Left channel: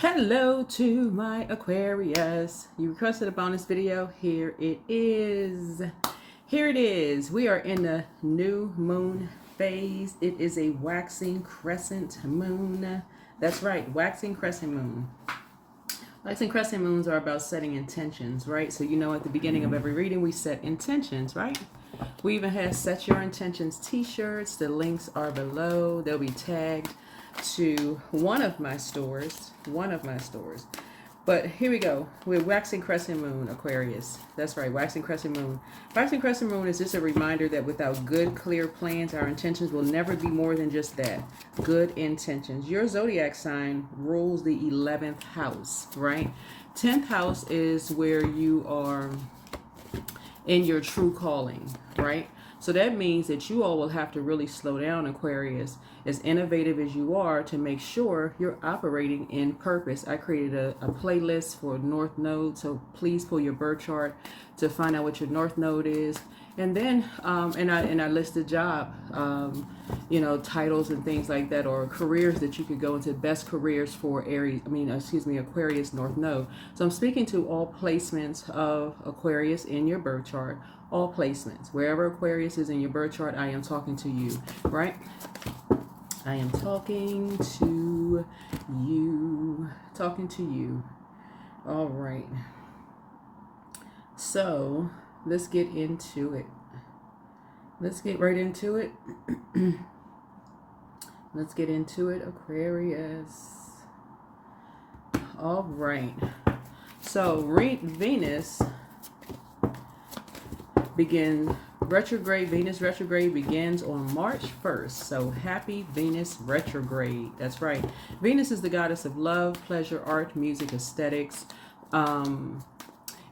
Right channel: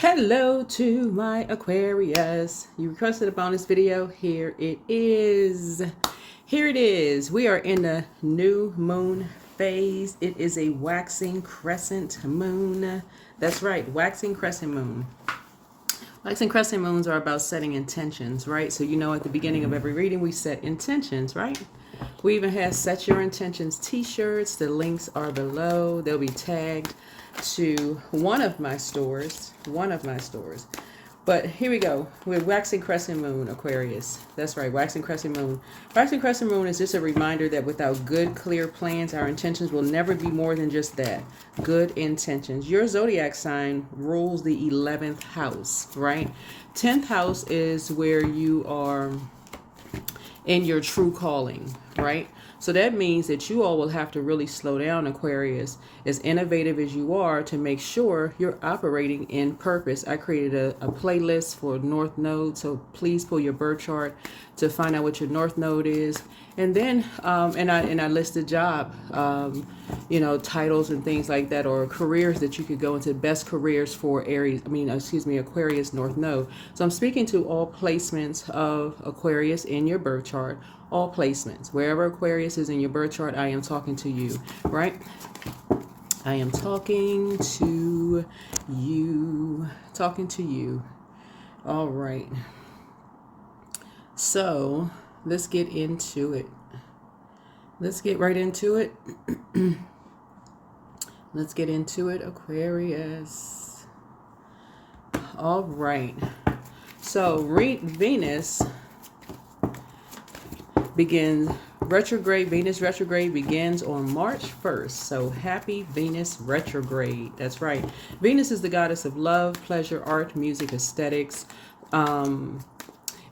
Hello to my Aquarius. You requested a bonus video. Here it is. Here it is. We are in the new moon phase. It is a waxing crescent moon. That's right, waxing crescent moon. Waxing crescent moons are about setting intentions, right? So at the beginning of every reading, we set intentions, right? We even have Set Your Intentions t-shirts. The links are below. They'll be tagged to one of my stores. But here we go. We're waxing crescent moon, Aquarius. That's right, waxing crescent moon. Waxing crescent moon is just a reminder that without good, clear plans, our intentions will never be more than just that. Good intentions. Your zodiac sign rules the 11th house, right? 10th house is where you are in your true calling, right? So that means that you all will have to really slow down, Aquarius, as innovative as you are, to make sure you're operating in purpose. I created a playlist for North Node, so please pull your birth chart to find out what your North Node is. And then, and I listed job, titles and things like that, or careers that you could go into, best careers for Aquarius North Node. So I'm speaking to all placements of Aquarius in your birth chart, all placements. Wherever Aquarius is in your birth chart, I am talking to you, right? I am talking to you. All right. So let's get into it. Let's get right into it. Let's get into it, Aquarius. All right. So Venus begins retrograde. Venus retrograde begins on March 1st. So happy Venus retrograde. That's right. Venus is the goddess of love, pleasure, art, music, aesthetics.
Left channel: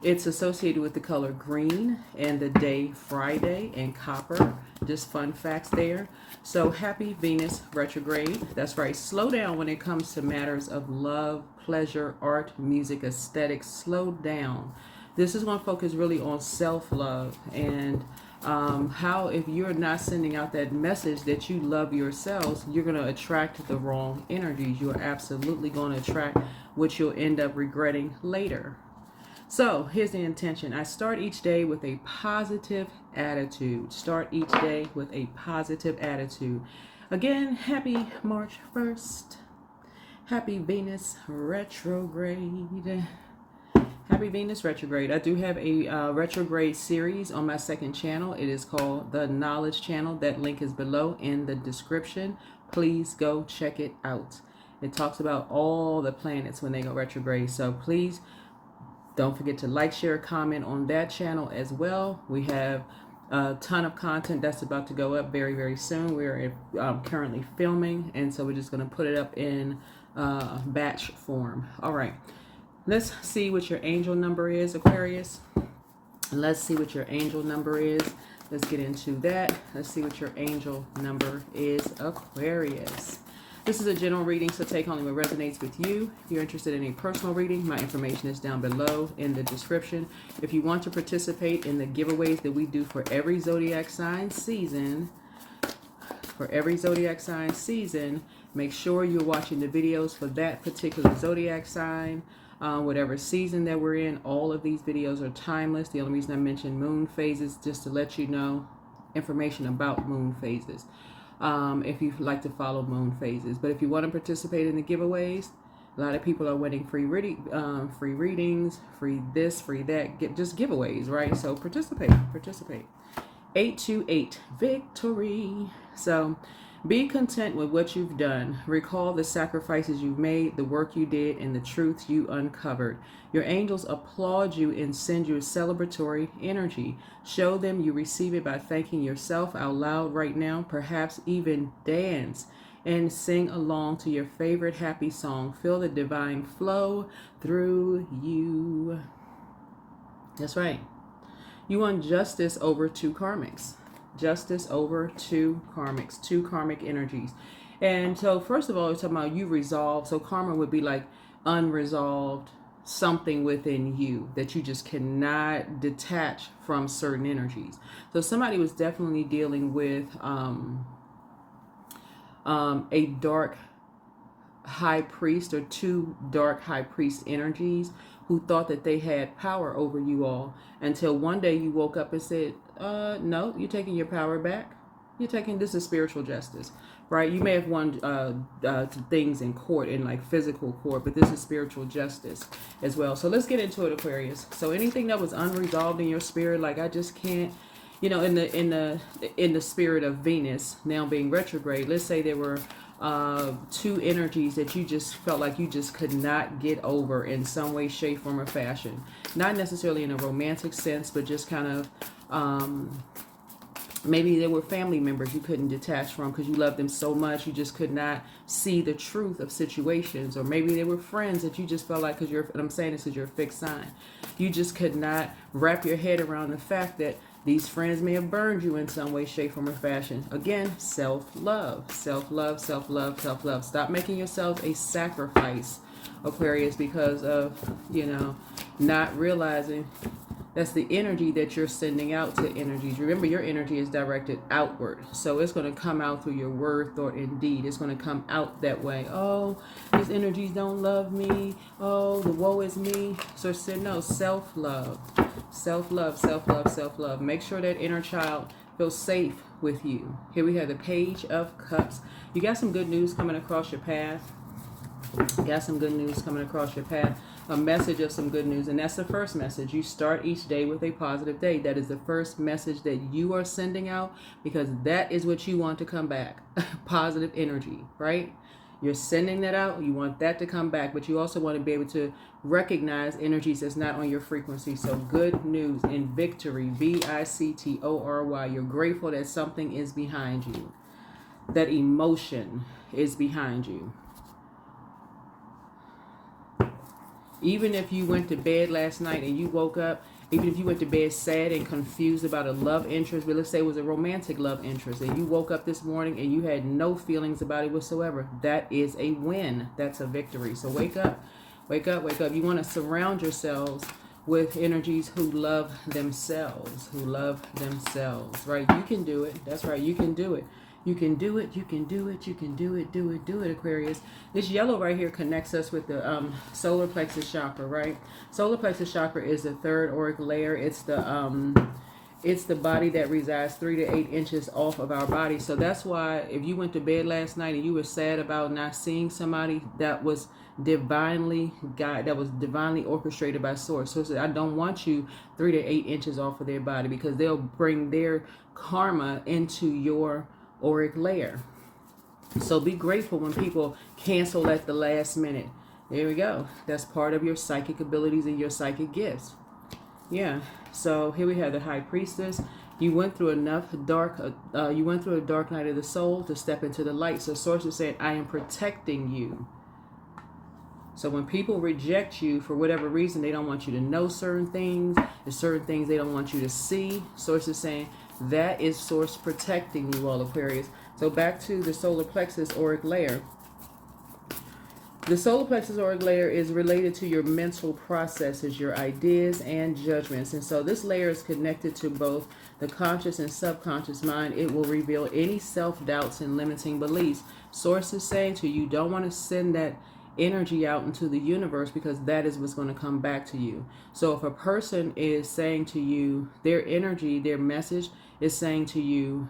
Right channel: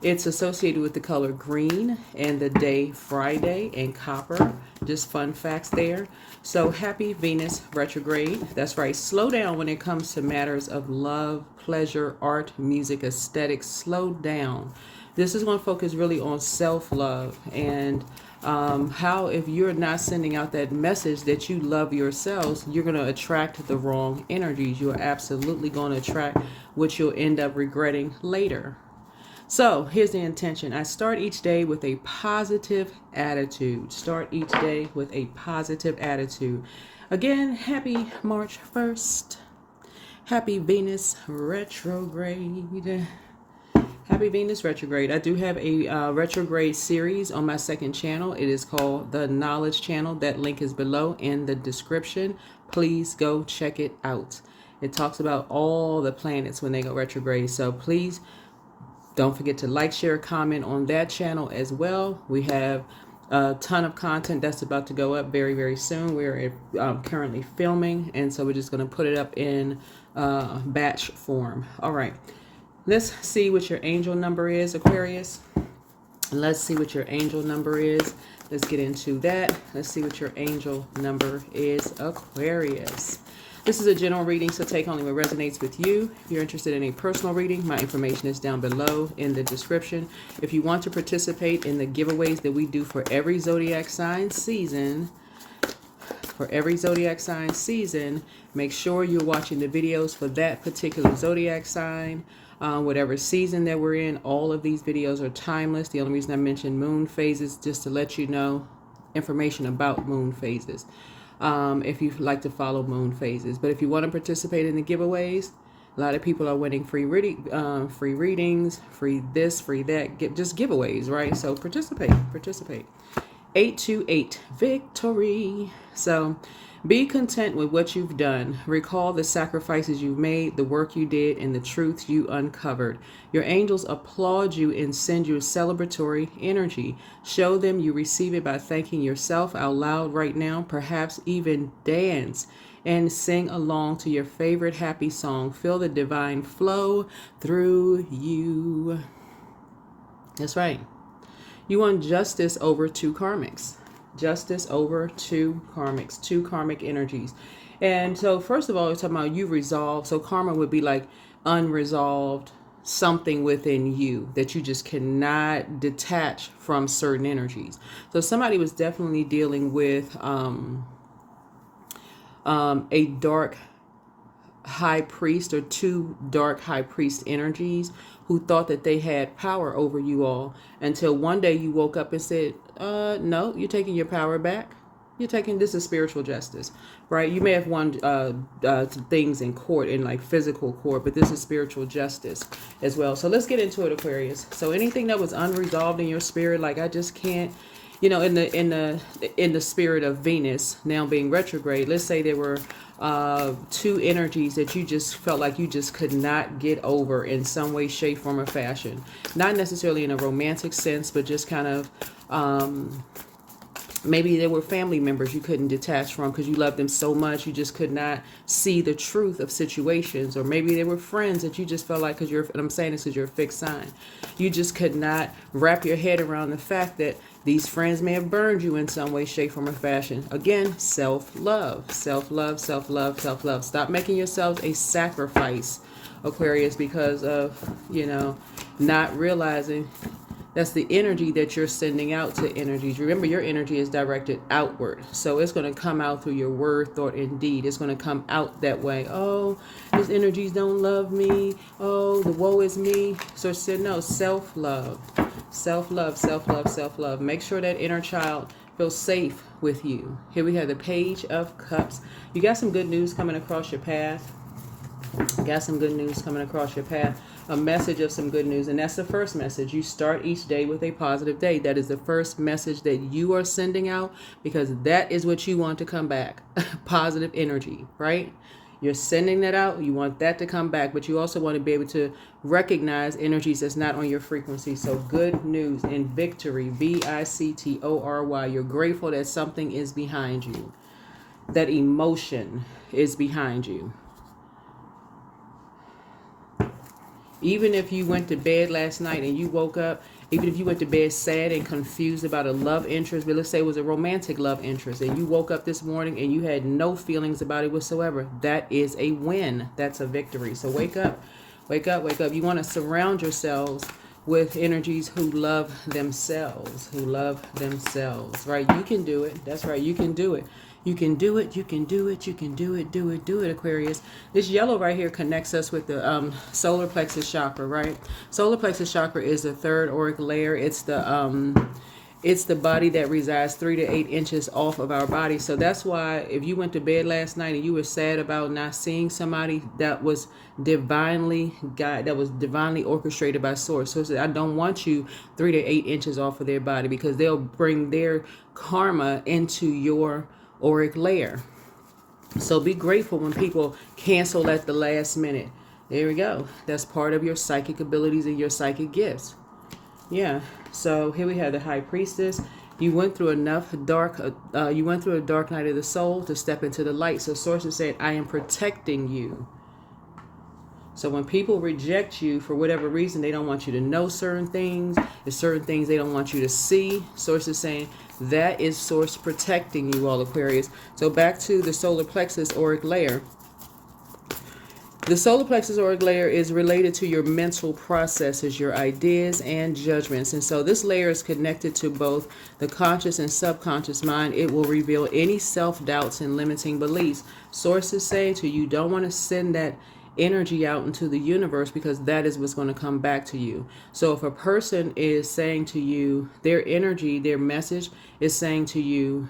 It's associated with the color green and the day Friday and copper. Just fun facts there. So happy Venus retrograde. That's right. Slow down when it comes to matters of love, pleasure, art, music, aesthetics. Slow down. This is going to focus really on self-love and how if you're not sending out that message that you love yourselves, you're going to attract the wrong energies. You're absolutely going to attract what you'll end up regretting later. So here's the intention. I start each day with a positive attitude. Start each day with a positive attitude. Again, happy March 1st. Happy Venus retrograde. Happy Venus retrograde. I do have a retrograde series on my second channel. It is called the Knowledge Channel. That link is below in the description. Please go check it out. It talks about all the planets when they go retrograde. So please don't forget to like, share, comment on that channel as well. We have a ton of content that's about to go up very, very soon. We're currently filming, and so we're just going to put it up in batch form. All right. Let's see what your angel number is, Aquarius. Let's see what your angel number is. Let's get into that. Let's see what your angel number is, Aquarius. This is a general reading, so take only what resonates with you. If you're interested in a personal reading, my information is down below in the description. If you want to participate in the giveaways that we do for every zodiac sign season, make sure you're watching the videos for that particular zodiac sign. Whatever season that we're in, all of these videos are timeless. The only reason I mentioned moon phases, just to let you know information about moon phases. If you like to follow moon phases. But if you want to participate in the giveaways, a lot of people are winning free readings, free this, free that, just giveaways, right? So participate. 828 victory. So be content with what you've done. Recall the sacrifices you've made, the work you did, and the truths you uncovered. Your angels applaud you and send you a celebratory energy. Show them you receive it by thanking yourself out loud right now. Perhaps even dance and sing along to your favorite happy song. Feel the divine flow through you. That's right. You want justice over two karmics. Justice over two karmic energies. And so first of all, we're talking about you resolve. So karma would be like unresolved something within you that you just cannot detach from certain energies. So somebody was definitely dealing with a dark high priest or two dark high priest energies who thought that they had power over you all until one day you woke up and said, no, you're taking your power back. You're taking, this is spiritual justice, right? You may have won some things in court, in like physical court, but this is spiritual justice as well. So let's get into it, Aquarius. So anything that was unresolved in your spirit, like I just can't, you know, in the spirit of Venus now being retrograde, let's say there were two energies that you just felt like you just could not get over in some way, shape, form, or fashion. Not necessarily in a romantic sense, but just kind of maybe there were family members you couldn't detach from because you loved them so much you just could not see the truth of situations. Or maybe there were friends that you just felt like, because you're, and I'm saying this because you're a fixed sign, you just could not wrap your head around the fact that these friends may have burned you in some way, shape, form, or fashion. Again, self-love, self-love, self-love, self-love. Stop making yourself a sacrifice, Aquarius, because of, you know, not realizing that's the energy that you're sending out to energies. Remember, your energy is directed outward. So it's going to come out through your word, thought, and deed. It's going to come out that way. Oh, these energies don't love me. Oh, the woe is me. So said, no, self-love. Self-love, self-love, self-love. Make sure that inner child feels safe with you. Here we have the Page of Cups. You got some good news coming across your path. Got some good news coming across your path. A message of some good news. And that's the first message. You start each day with a positive day. That is the first message that you are sending out, because that is what you want to come back. Positive energy, right? You're sending that out. You want that to come back, but you also want to be able to recognize energies that's not on your frequency. So good news and victory, victory. You're grateful that something is behind you. That emotion is behind you. Even if you went to bed last night and you woke up, even if you went to bed sad and confused about a love interest, but let's say it was a romantic love interest, and you woke up this morning and you had no feelings about it whatsoever, that is a win. That's a victory. So wake up, wake up, wake up. You want to surround yourselves with energies who love themselves, right? You can do it. That's right. You can do it. You can do it, you can do it, you can do it, do it, Aquarius. This yellow right here connects us with the solar plexus chakra, right? Solar plexus chakra is the third auric layer. It's the body that resides 3 to 8 inches off of our body. So that's why if you went to bed last night and you were sad about not seeing somebody, that was divinely orchestrated by source. So I don't want you 3 to 8 inches off of their body, because they'll bring their karma into your auric layer. So be grateful when people cancel at the last minute. There we go. That's part of your psychic abilities and your psychic gifts. Yeah. So here we have the High Priestess. You went through enough you went through a dark night of the soul to step into the light. So source is saying, I am protecting you. So when people reject you for whatever reason, they don't want you to know certain things. There's certain things they don't want you to see. Source is saying, that is source protecting you, all Aquarius. So back to the solar plexus auric layer. The solar plexus auric layer is related to your mental processes, your ideas and judgments. And so this layer is connected to both the conscious and subconscious mind. It will reveal any self-doubts and limiting beliefs. Source is saying to you, don't want to send that energy out into the universe, because that is what's going to come back to you. So if a person is saying to you, their energy, their message is saying to you,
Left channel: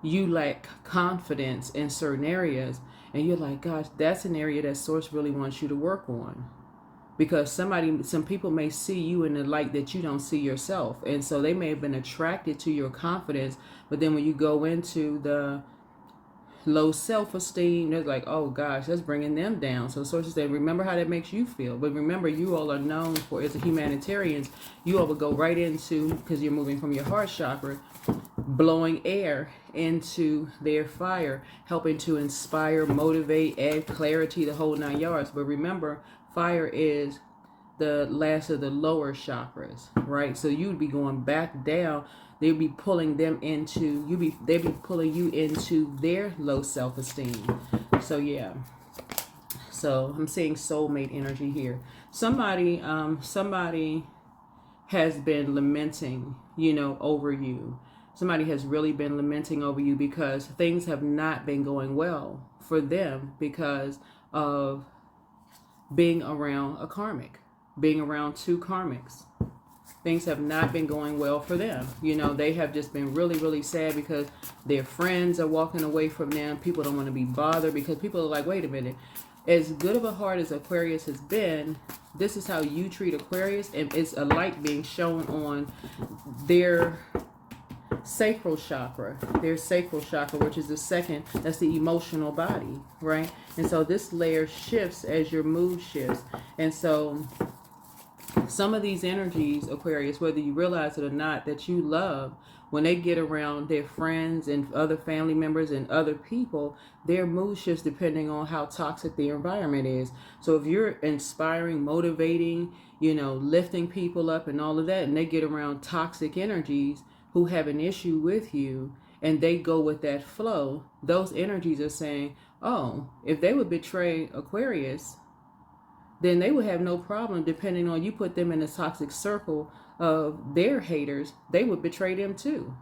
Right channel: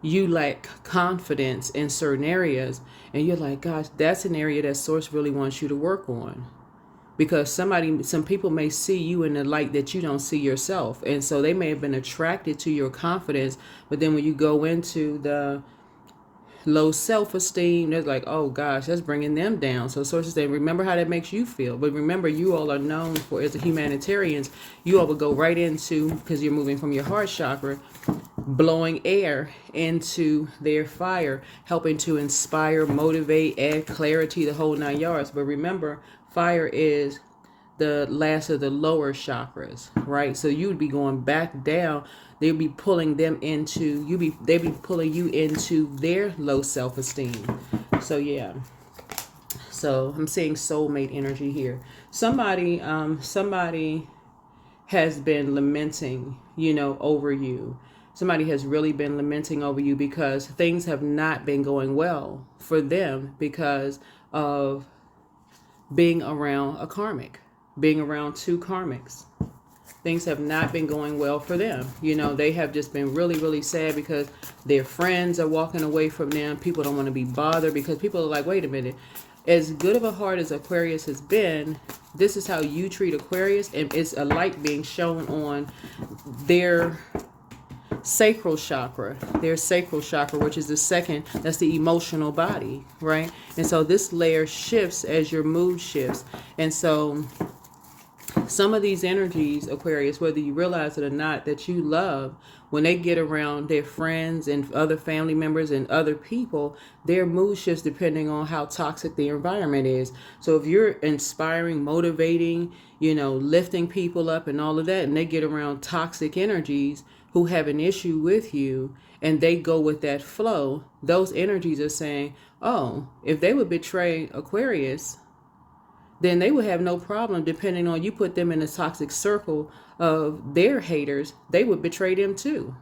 you lack confidence in certain areas, and you're like, gosh, that's an area that source really wants you to work on, because some people may see you in the light that you don't see yourself, and so they may have been attracted to your confidence, but then when you go into the low self-esteem, they're like, oh gosh, that's bringing them down. So sources say, remember how that makes you feel. But remember, you all are known for, as the humanitarians, you all will go right into, because you're moving from your heart chakra, blowing air into their fire, helping to inspire, motivate, add clarity, the whole 9 yards. But remember, fire is the last of the lower chakras, right? So you would be going back down. They'd be pulling them into they'd be pulling you into their low self-esteem. So yeah. So I'm seeing soulmate energy here. Somebody has been lamenting, over you. Somebody has really been lamenting over you because things have not been going well for them, because of being around a karmic, being around two karmics. Things have not been going well for them. You know, they have just been really, really sad because their friends are walking away from them. People don't want to be bothered because people are like, wait a minute, as good of a heart as Aquarius has been, this is how you treat Aquarius, and it's a light being shown on their sacral chakra, which is the second, that's the emotional body, right? And so this layer shifts as your mood shifts. And so some of these energies, Aquarius, whether you realize it or not, that you love, when they get around their friends and other family members and other people, their mood shifts depending on how toxic the environment is. So if you're inspiring, motivating, you know, lifting people up and all of that, and they get around toxic energies who have an issue with you, and they go with that flow, those energies are saying, oh, if they would betray Aquarius, then they would have no problem, depending on, you put them in a toxic circle of their haters, they would betray them too.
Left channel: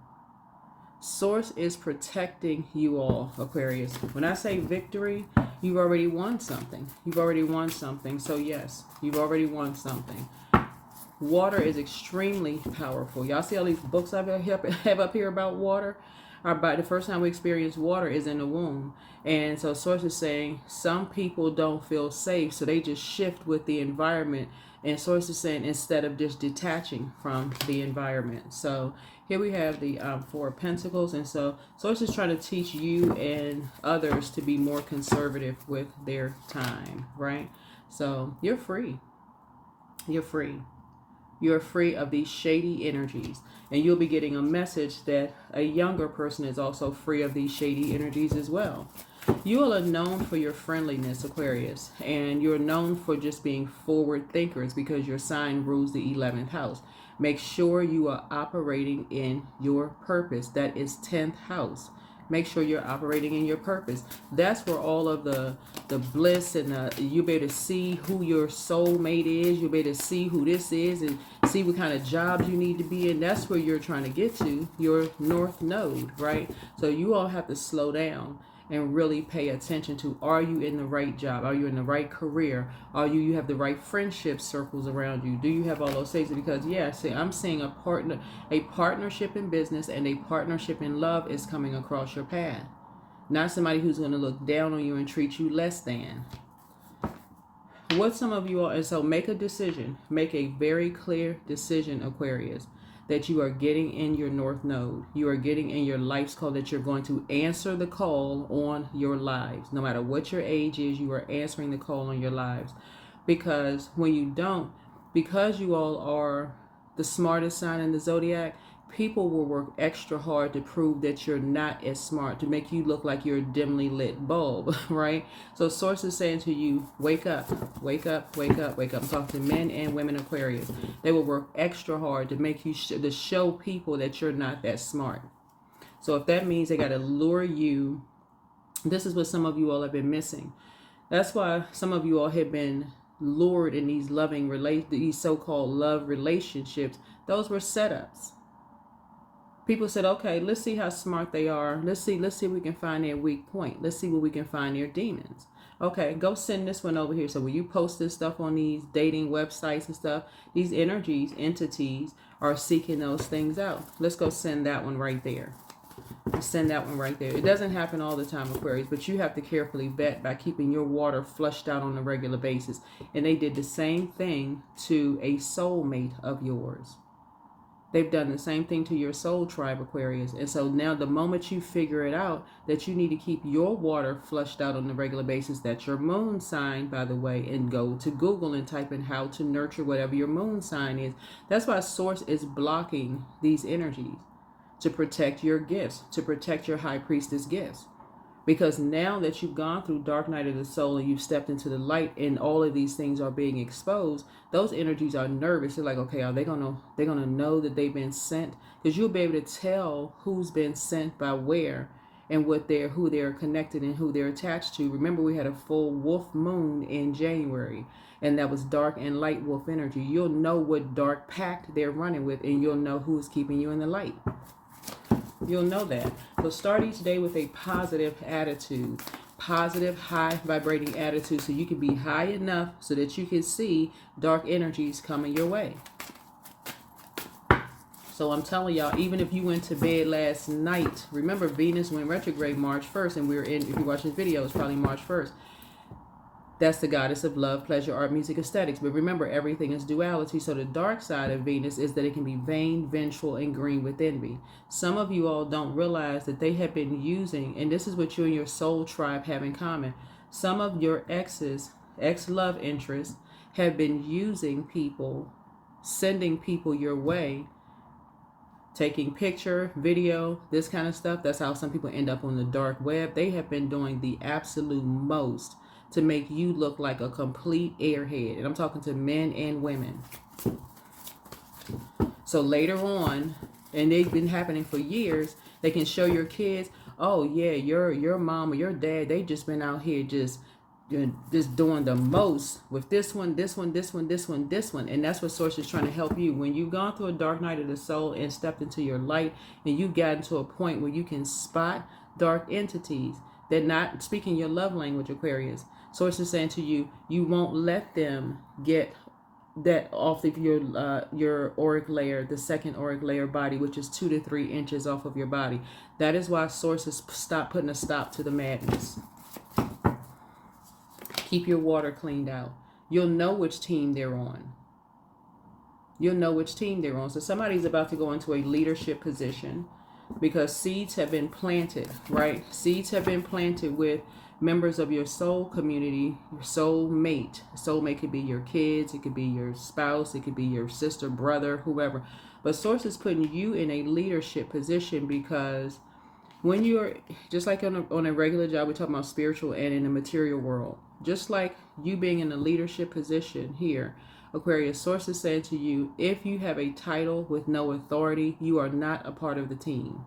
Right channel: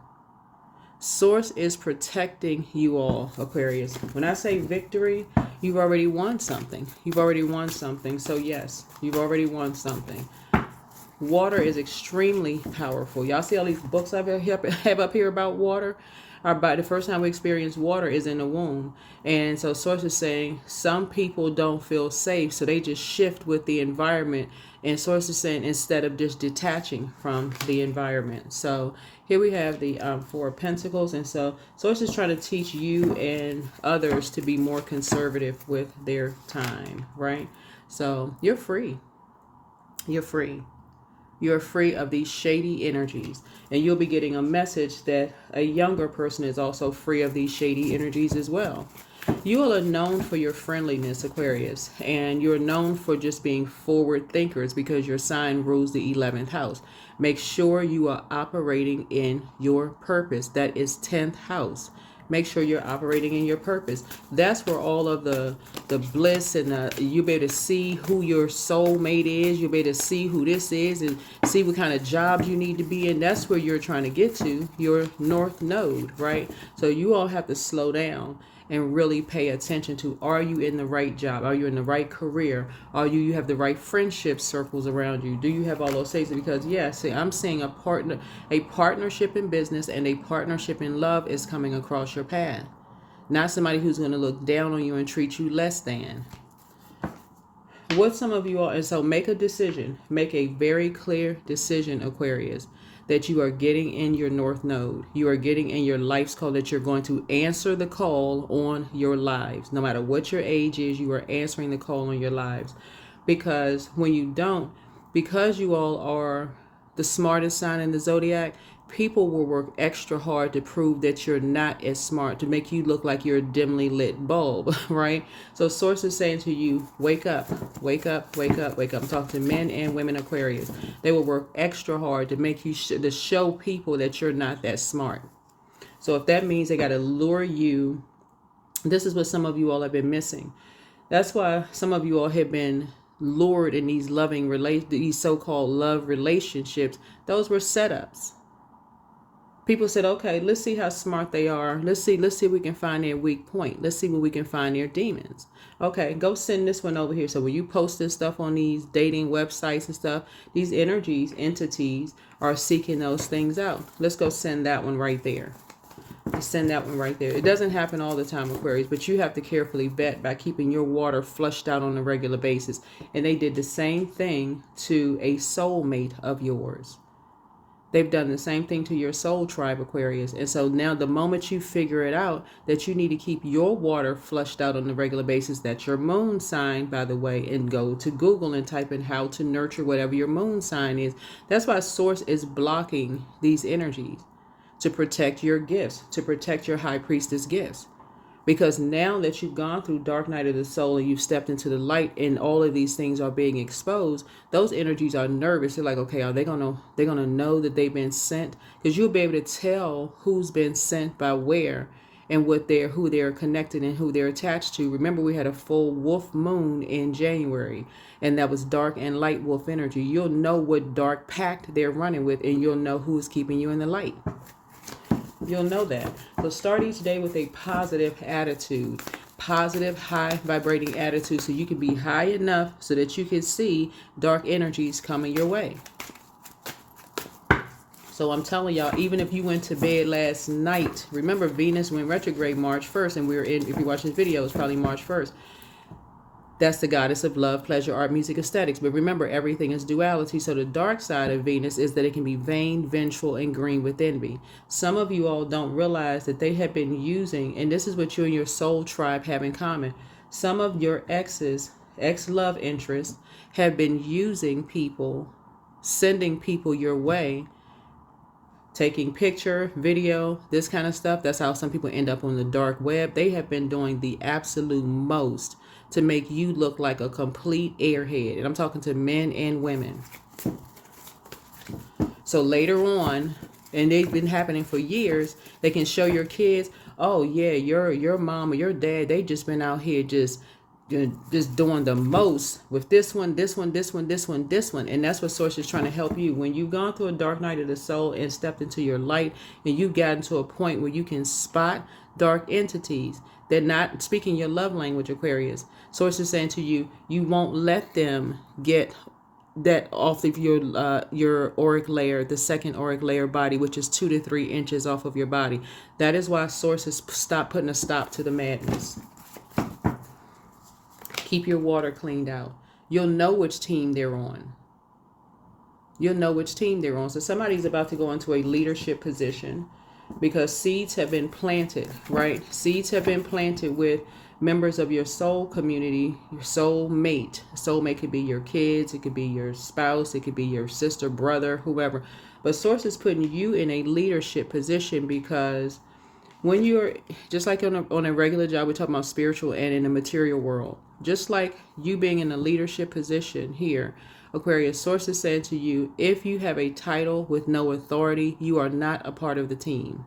Source is protecting you all, Aquarius. When I say victory, you've already won something. You've already won something. So yes, you've already won something. Water is extremely powerful. Y'all see all these books I have up here about water? About the first time we experience water is in the womb. And so Source is saying some people don't feel safe, so they just shift with the environment. And Source is saying instead of just detaching from the environment. So here we have the Four of Pentacles. And so Source is trying to teach you and others to be more conservative with their time, right? So you're free. You're free. You're free of these shady energies. And you'll be getting a message that a younger person is also free of these shady energies as well. You all are known for your friendliness, Aquarius. And you're known for just being forward thinkers because your sign rules the 11th house. Make sure you are operating in your purpose. That is 10th house. Make sure you're operating in your purpose. That's where all of the bliss and you'll be able to see who your soulmate is. You'll be able to see who this is and see what kind of jobs you need to be in. That's where you're trying to get to, your north node, right? So you all have to slow down and really pay attention to, are you in the right job? Are you in the right career? Are you have the right friendship circles around you? Do you have all those things? Because see, I'm seeing a partnership in business and a partnership in love is coming across your path. Not somebody who's going to look down on you and treat you less than. What some of you all, and so make a decision, make a very clear decision, Aquarius, that you are getting in your north node. You are getting in your life's call, that you're going to answer the call on your lives. No matter what your age is, you are answering the call on your lives. Because when you don't, because you all are the smartest sign in the zodiac, people will work extra hard to prove that you're not as smart, to make you look like you're a dimly lit bulb, right? So Source is saying to you, wake up, wake up, wake up, wake up. I'm talking to men and women, Aquarius. They will work extra hard to make you, to show people that you're not that smart. So if that means they got to lure you, this is what some of you all have been missing. That's why some of you all have been lured in these these so-called love relationships. Those were setups. People said, okay, let's see how smart they are. Let's see if we can find their weak point. Let's see where we can find their demons. Okay, go send this one over here. So when you post this stuff on these dating websites and stuff, these entities are seeking those things out. Let's go send that one right there. Send that one right there. It doesn't happen all the time, Aquarius, but you have to carefully vet by keeping your water flushed out on a regular basis. And they did the same thing to a soulmate of yours. They've done the same thing to your soul tribe, Aquarius. And so now the moment you figure it out, that you need to keep your water flushed out on a regular basis, that's your moon sign, by the way, and go to Google and type in how to nurture whatever your moon sign is. That's why Source is blocking these energies, to protect your gifts, to protect your high priestess gifts. Because now that you've gone through dark night of the soul and you've stepped into the light and all of these things are being exposed, those energies are nervous. They're like, okay, are they gonna know that they've been sent? Because you'll be able to tell who's been sent by where and who they're connected and who they're attached to. Remember, we had a full wolf moon in January, and that was dark and light wolf energy. You'll know what dark pact they're running with, and you'll know who's keeping you in the light. You'll know that. So start each day with a positive attitude. positive, high vibrating attitude so you can be high enough so that you can see dark energies coming your way. So I'm telling y'all, even if you went to bed last night, remember Venus went retrograde March 1st, and we're in, if you watch this video, it's probably March 1st. That's the goddess of love, pleasure, art, music, aesthetics. But remember, everything is duality. So the dark side of Venus is that it can be vain, vengeful, and green with envy. Some of you all don't realize that they have been using, and this is what you and your soul tribe have in common. Some of your ex-love interests, have been using people, sending people your way, taking picture, video, this kind of stuff. That's how some people end up on the dark web. They have been doing the absolute most to make you look like a complete airhead. And I'm talking to men and women. So later on, and they've been happening for years, they can show your kids, oh yeah, your mom or your dad, they just been out here just doing the most with this one. And that's what Source is trying to help you. When you've gone through a dark night of the soul and stepped into your light, and you've gotten to a point where you can spot dark entities, they're not speaking your love language, Aquarius. Source is saying to you, you won't let them get that off of your auric layer, the second auric layer body, which is 2 to 3 inches off of your pody. That is why Source has putting a stop to the madness. Keep your water cleaned out. You'll know which team they're on. You'll know which team they're on. So somebody's about to go into a leadership position because seeds have been planted, right? Seeds have been planted with members of your soul community, your soul mate. Soulmate could be your kids, it could be your spouse, it could be your sister, brother, whoever. But Source is putting you in a leadership position because when you're, just like on a regular job, we're talking about spiritual and in the material world, just like you being in a leadership position here, Aquarius, Source is saying to you, if you have a title with no authority, you are not a part of the team.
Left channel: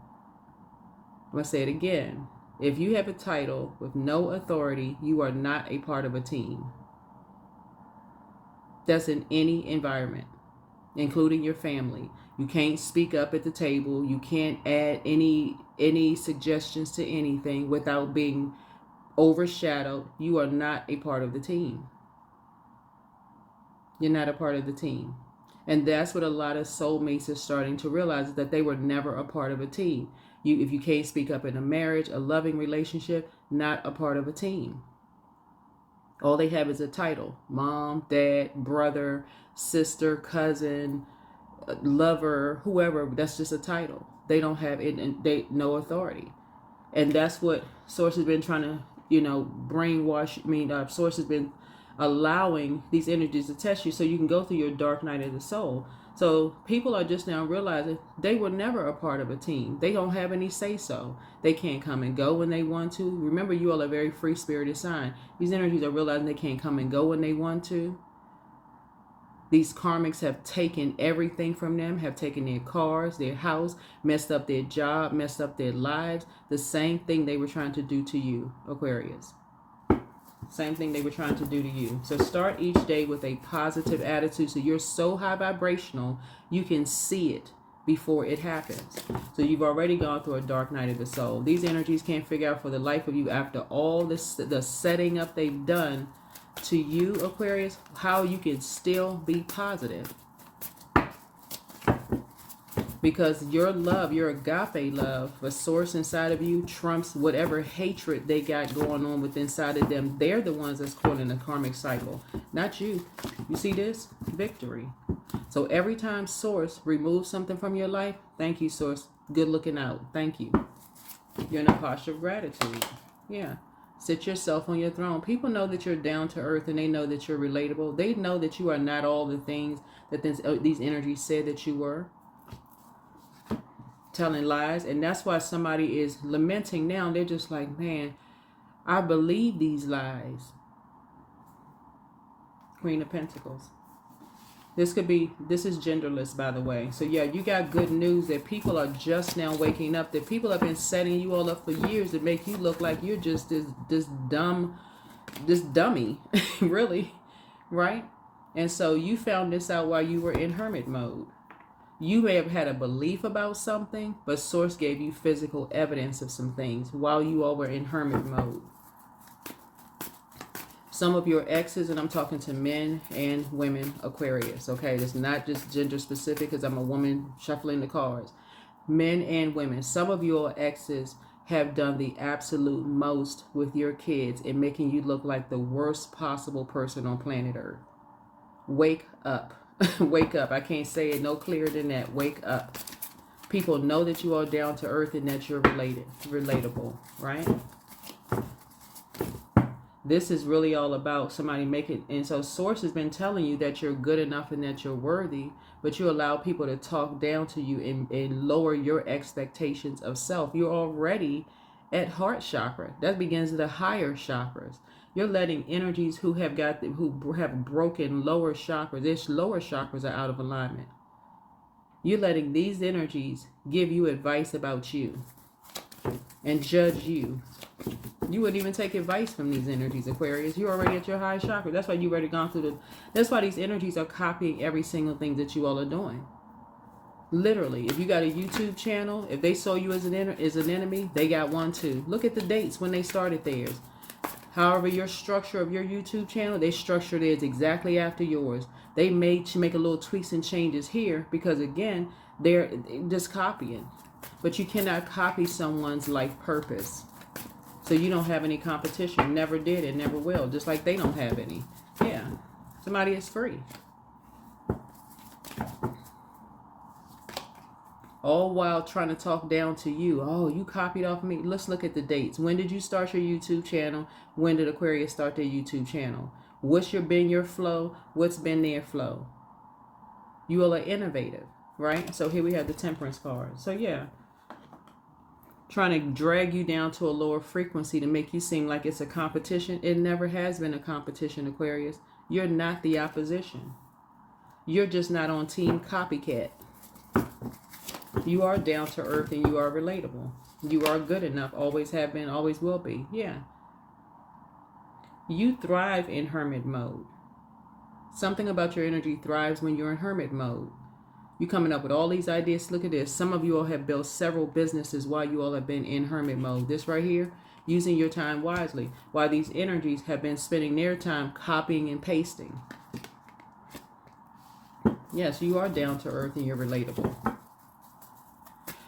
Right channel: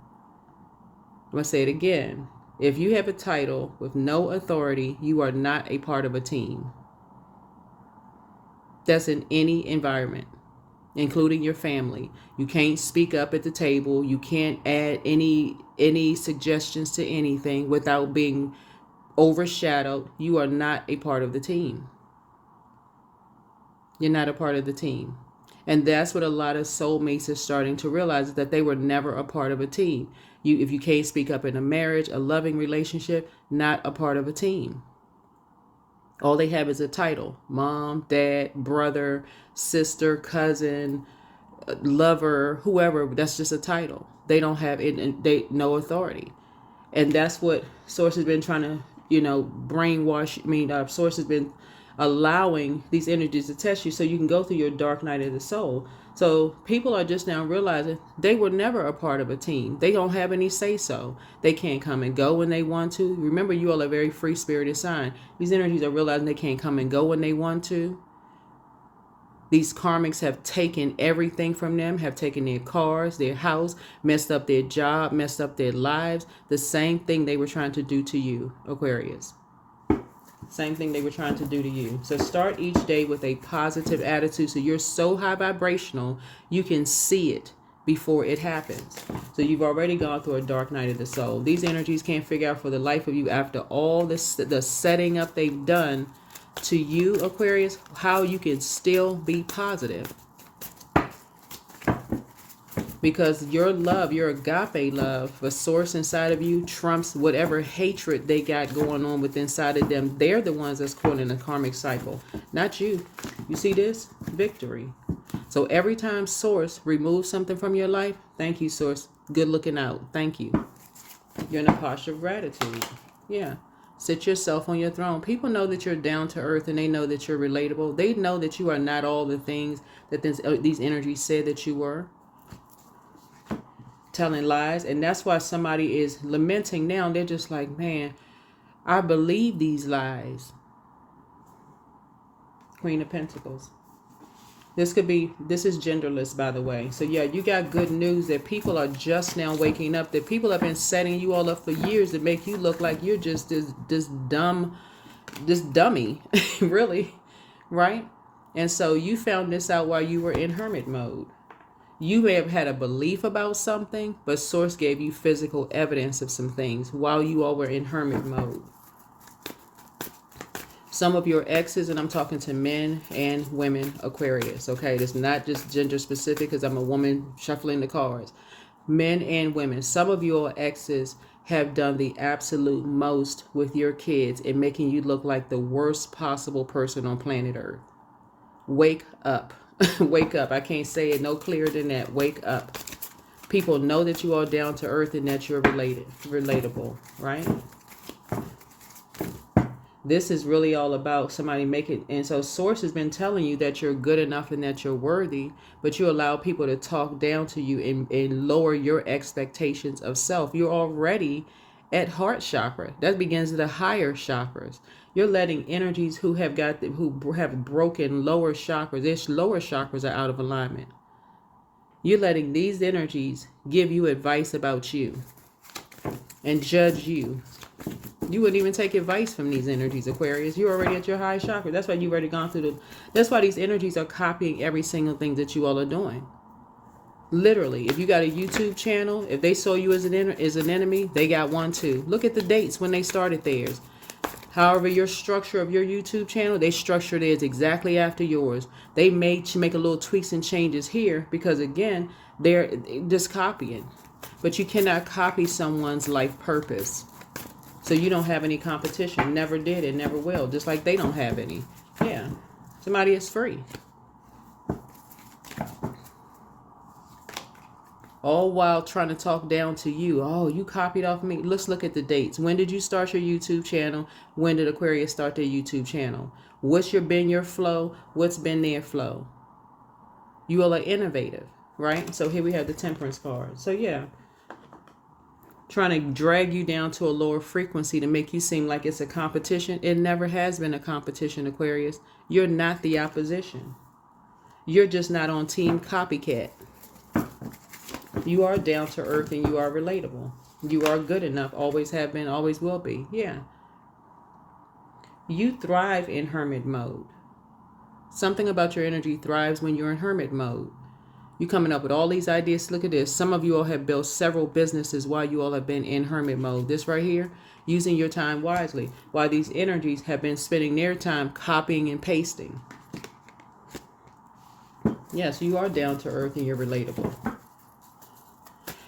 I'm going to say it again. If you have a title with no authority, you are not a part of a team. That's in any environment, including your family. You can't speak up at the table. You can't add any suggestions to anything without being overshadowed. You are not a part of the team. You're not a part of the team. And that's what a lot of soulmates are starting to realize, is that they were never a part of a team. If you can't speak up in a marriage, a loving relationship, not a part of a team. All they have is a title: mom, dad, brother, sister, cousin, lover, whoever. That's just a title. They don't have it. No authority. And that's what Source has been trying to, brainwash. Source has been allowing these energies to test you so you can go through your dark night of the soul. So people are just now realizing they were never a part of a team. They don't have any say-so. They can't come and go when they want to. Remember, you all are a very free-spirited sign. These energies are realizing they can't come and go when they want to. These karmics have taken everything from them, have taken their cars, their house, messed up their job, messed up their lives. The same thing they were trying to do to you, Aquarius. Same thing they were trying to do to you. So start each day with a positive attitude. So you're so high vibrational, you can see it before it happens. So you've already gone through a dark night of the soul. These energies can't figure out for the life of you, after all this, the setting up they've done to you, Aquarius, how you can still be positive. Because your love, your agape love, the Source inside of you trumps whatever hatred they got going on with inside of them. They're the ones that's caught in a karmic cycle, not you. You see this? Victory. So every time Source removes something from your life, thank you, Source. Good looking out. Thank you. You're in a posture of gratitude. Yeah. Sit yourself on your throne. People know that you're down to earth, and they know that you're relatable. They know that you are not all the things that these energies said that you were. Telling lies. And that's why somebody is lamenting now. They're just like, man, I believe these lies. Queen of Pentacles. This is genderless, by the way. So yeah, you got good news that people are just now waking up, that people have been setting you all up for years to make you look like you're just this dummy, really, right? And so you found this out while you were in hermit mode. You may have had a belief about something, but Source gave you physical evidence of some things while you all were in hermit mode. Some of your exes, and I'm talking to men and women Aquarius, okay? It's not just gender specific because I'm a woman shuffling the cards. Men and women. Some of your exes have done the absolute most with your kids in making you look like the worst possible person on planet Earth. Wake up. Wake up. I can't say it no clearer than that. Wake up. People know that you are down to earth and that you're relatable, right? This is really all about somebody making, and so Source has been telling you that you're good enough and that you're worthy, but you allow people to talk down to you and lower your expectations of self. You're already at heart chakra. That begins with the higher chakras. You're letting energies who have broken lower chakras, their lower chakras are out of alignment. You're letting these energies give you advice about you and judge you. You wouldn't even take advice from these energies, Aquarius. You're already at your high chakra. That's why you've already gone through that's why these energies are copying every single thing that you all are doing. Literally, if you got a YouTube channel, if they saw you as an enemy, they got one too. Look at the dates when they started theirs. However, your structure of your YouTube channel, they structured theirs exactly after yours. They make a little tweaks and changes here because, again, they're just copying. But you cannot copy someone's life purpose. So you don't have any competition. Never did and never will. Just like they don't have any. Yeah. Somebody is free. All while trying to talk down to you. Oh, you copied off me. Let's look at the dates. When did you start your YouTube channel? When did Aquarius start their YouTube channel? What's been your flow? What's been their flow? You all are innovative, right? So here we have the Temperance card. So yeah, trying to drag you down to a lower frequency to make you seem like it's a competition. It never has been a competition, Aquarius. You're not the opposition. You're just not on team copycat. You are down to earth and you are relatable. You are good enough. Always have been, always will be. Yeah. You thrive in hermit mode. Something about your energy thrives when you're in hermit mode. You're coming up with all these ideas. Look at this. Some of you all have built several businesses while you all have been in hermit mode. This right here, using your time wisely. While these energies have been spending their time copying and pasting. Yes, you are down to earth and you're relatable.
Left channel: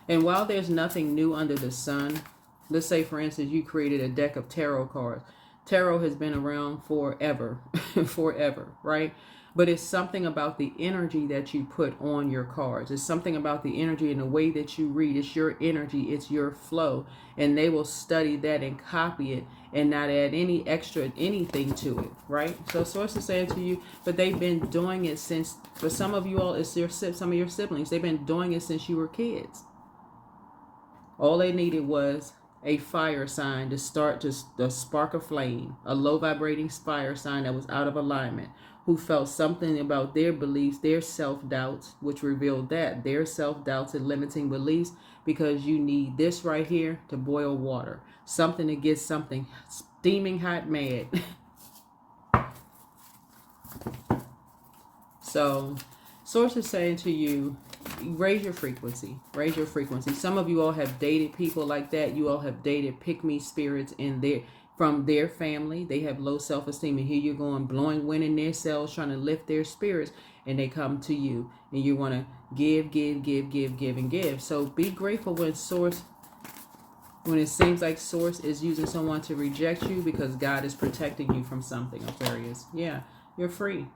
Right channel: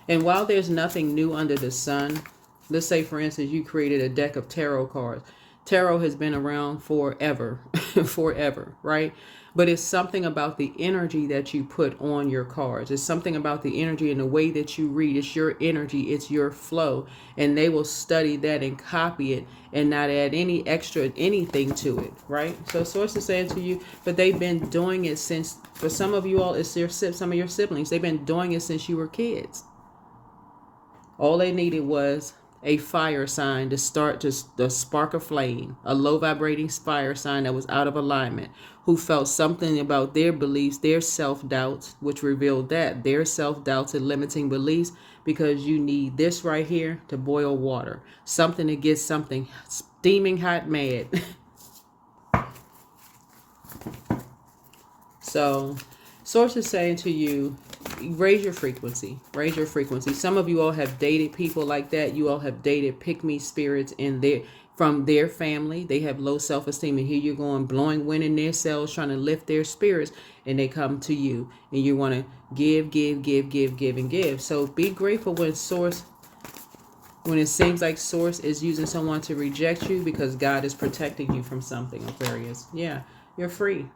And while there's nothing new under the sun, let's say, for instance, you created a deck of tarot cards. Tarot has been around forever, forever, right? But it's something about the energy that you put on your cards. It's something about the energy and the way that you read. It's your energy. It's your flow. And they will study that and copy it and not add any extra anything to it, right? So Source is saying to you, but they've been doing it since, for some of you all, it's some of your siblings. They've been doing it since you were kids. All they needed was a fire sign to start just the spark of flame, a low vibrating fire sign that was out of alignment, who felt something about their beliefs, their self-doubts, which revealed that their self-doubts and limiting beliefs, because you need this right here to boil water, something to get something steaming hot mad. So Source is saying to you, raise your frequency. Raise your frequency. Some of you all have dated people like that. You all have dated pick-me spirits from their family. They have low self-esteem, and here you're going, blowing wind in their sails, trying to lift their spirits, and they come to you, and you want to give, and give. So be grateful when it seems like Source is using someone to reject you, because God is protecting you from something, Aquarius. Yeah, you're free.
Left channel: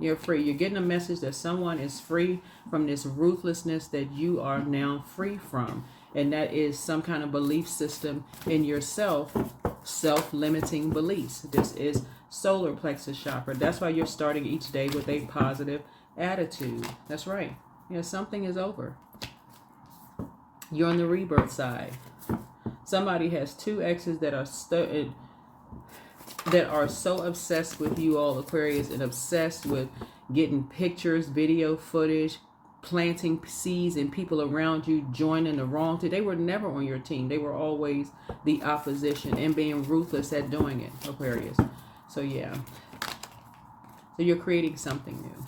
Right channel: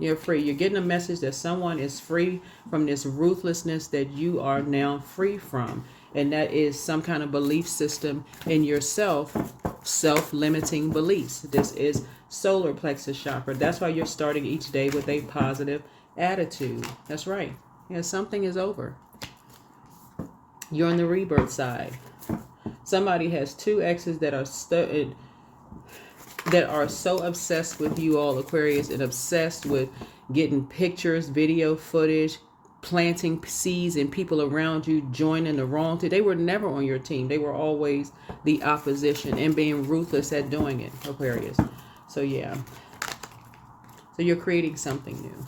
You're free. You're getting a message that someone is free from this ruthlessness that you are now free from. And that is some kind of belief system in yourself, self-limiting beliefs. This is solar plexus chakra. That's why you're starting each day with a positive attitude. That's right. Yeah, something is over. You're on the rebirth side. Somebody has two exes that are so obsessed with you all, Aquarius, and obsessed with getting pictures, video footage, planting seeds in people around you, joining the wrong team. They were never on your team. They were always the opposition and being ruthless at doing it, Aquarius. So yeah. So you're creating something new.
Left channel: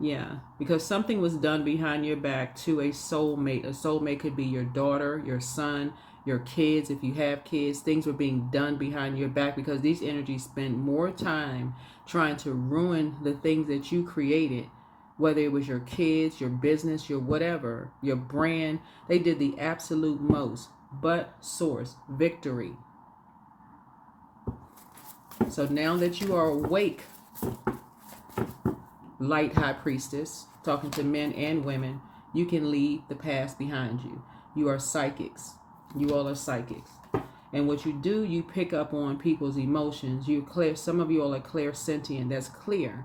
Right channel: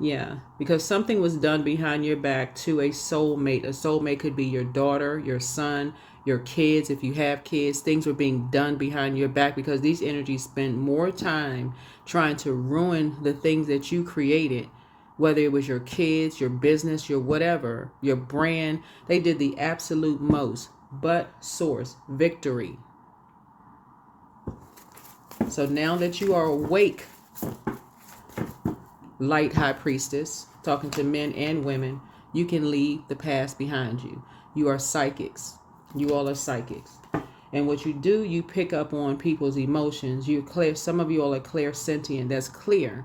Yeah, because something was done behind your back to a soulmate. A soulmate could be your daughter, your son, your kids, if you have kids, things were being done behind your back because these energies spend more time trying to ruin the things that you created, whether it was your kids, your business, your whatever, your brand. They did the absolute most. But source, victory. So now that you are awake, light high priestess, talking to men and women, you can leave the past behind you. You are psychics. You all are psychics. And what you do, you pick up on people's emotions. You clear. Some of you all are clairsentient. That's clear,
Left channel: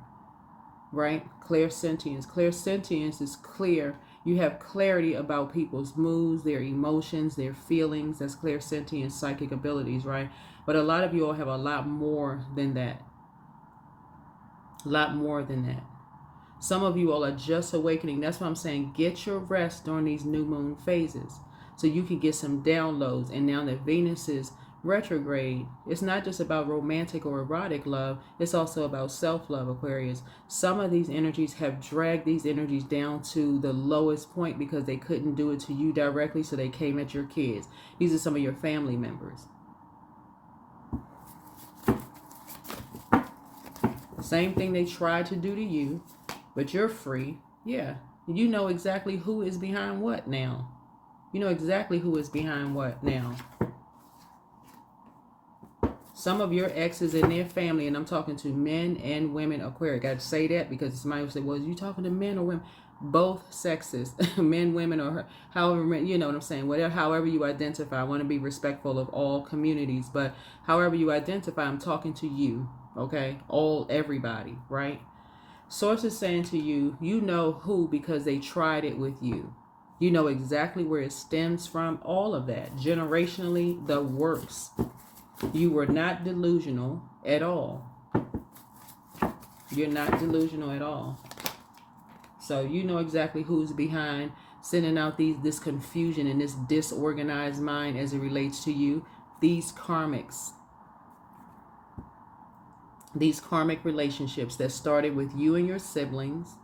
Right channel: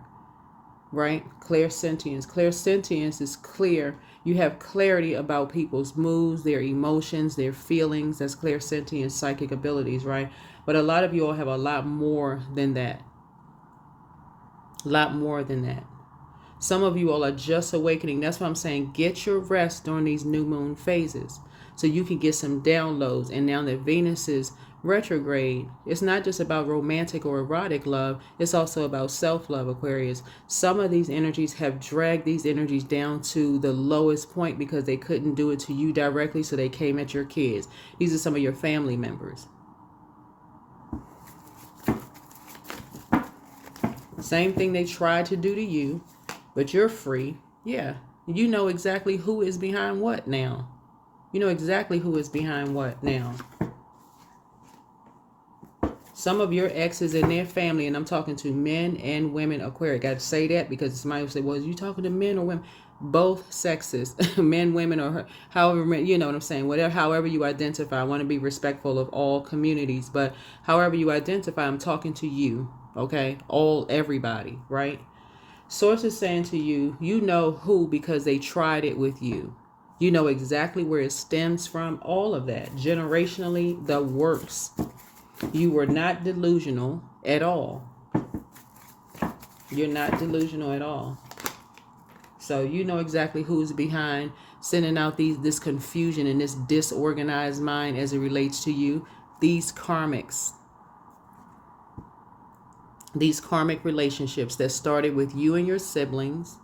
right? Clairsentience. Clairsentience is clear. You have clarity about people's moods, their emotions, their feelings. That's clairsentience, psychic abilities, right? But a lot of you all have a lot more than that. A lot more than that. Some of you all are just awakening. That's why I'm saying get your rest during these new moon phases so you can get some downloads. And now that Venus is retrograde, it's not just about romantic or erotic love. It's also about self-love, Aquarius. Some of these energies have dragged these energies down to the lowest point because they couldn't do it to you directly, so they came at your kids. These are some of your family members. Same thing they tried to do to you, but you're free. Yeah, you know exactly who is behind what now. You know exactly who is behind what now. Some of your exes and their family, and I'm talking to men and women, Aquarius. Got to say that because somebody will say, well, are you talking to men or women? Both sexes, men, women, or however, you know what I'm saying? Whatever, however you identify. I want to be respectful of all communities, but however you identify, I'm talking to you, okay? Everybody, right? Source is saying to you, you know who because they tried it with you. You know exactly where it stems from, all of that. Generationally, the works. You were not delusional at all. You're not delusional at all. So you know exactly who's behind sending out this confusion and this disorganized mind as it relates to you. These karmics. These karmic relationships that started with you and your siblings,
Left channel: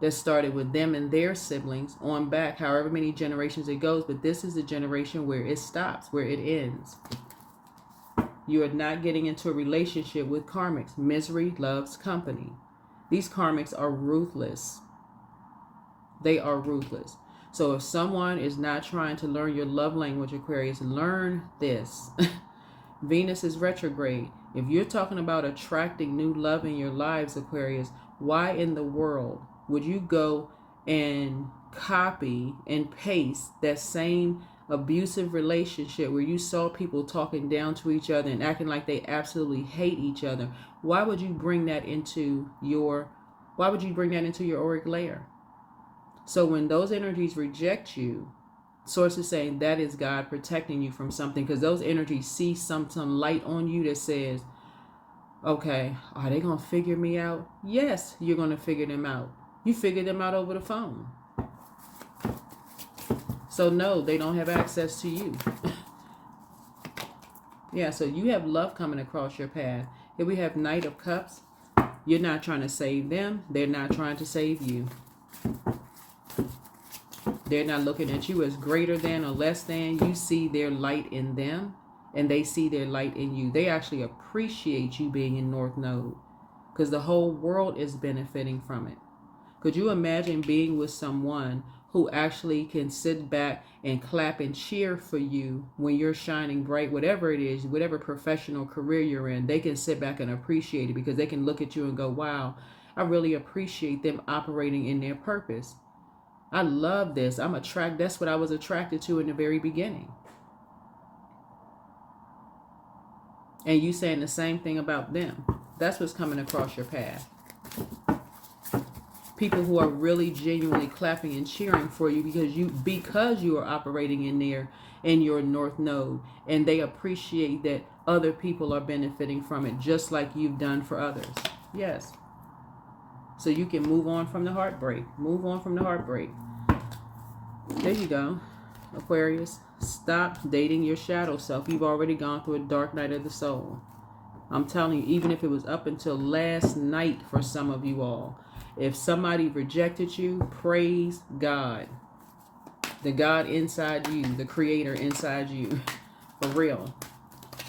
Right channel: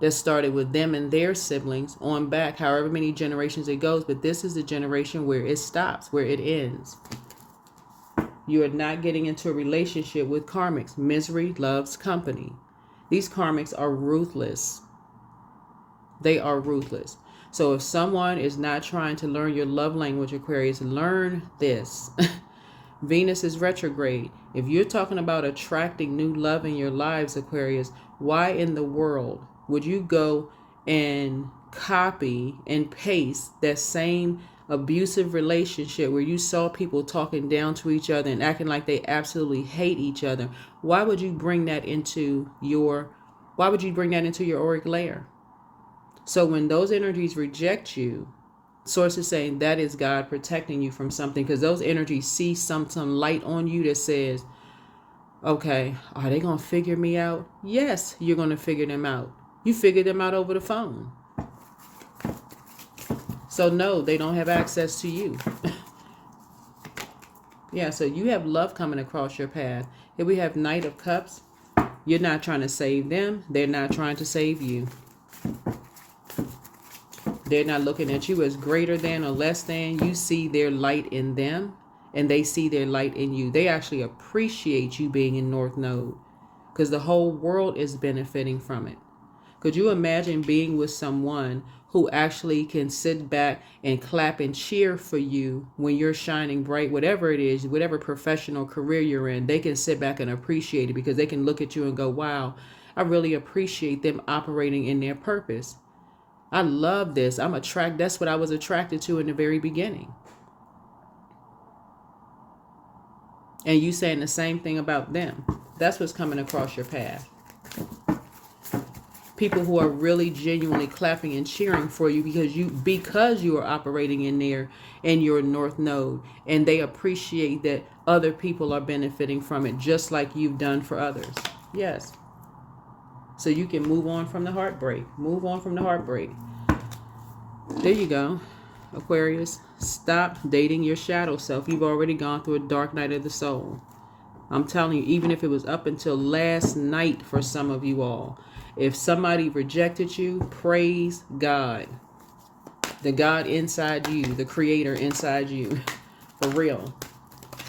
that started with them and their siblings on back, however many generations it goes. But this is the generation where it stops, where it ends. You are not getting into a relationship with karmics. Misery loves company. These karmics are ruthless. They are ruthless. So if someone is not trying to learn your love language, Aquarius, learn this. Venus is retrograde. If you're talking about attracting new love in your lives, Aquarius, why in the world would you go and copy and paste that same abusive relationship where you saw people talking down to each other and acting like they absolutely hate each other? Why would you bring that into your auric layer? So when those energies reject you, Source is saying that is God protecting you from something, because those energies see some light on you that says, okay, are they going to figure me out? Yes, you're going to figure them out. You figured them out over the phone. So no, they don't have access to you. Yeah, so you have love coming across your path. Here we have Knight of Cups. You're not trying to save them. They're not trying to save you. They're not looking at you as greater than or less than. You see their light in them, and they see their light in you. They actually appreciate you being in North Node, because the whole world is benefiting from it. Could you imagine being with someone who actually can sit back and clap and cheer for you when you're shining bright, whatever it is, whatever professional career you're in? They can sit back and appreciate it because they can look at you and go, wow, I really appreciate them operating in their purpose. I love this. That's what I was attracted to in the very beginning. And you saying the same thing about them. That's what's coming across your path. People who are really genuinely clapping and cheering for you because you are operating in your North Node, and they appreciate that other people are benefiting from it just like you've done for others. Yes. So you can move on from the heartbreak. Move on from the heartbreak. There you go, Aquarius. Stop dating your shadow self. You've already gone through a dark night of the soul. I'm telling you, even if it was up until last night for some of you all, if somebody rejected you, praise God. The God inside you, the creator inside you, for real.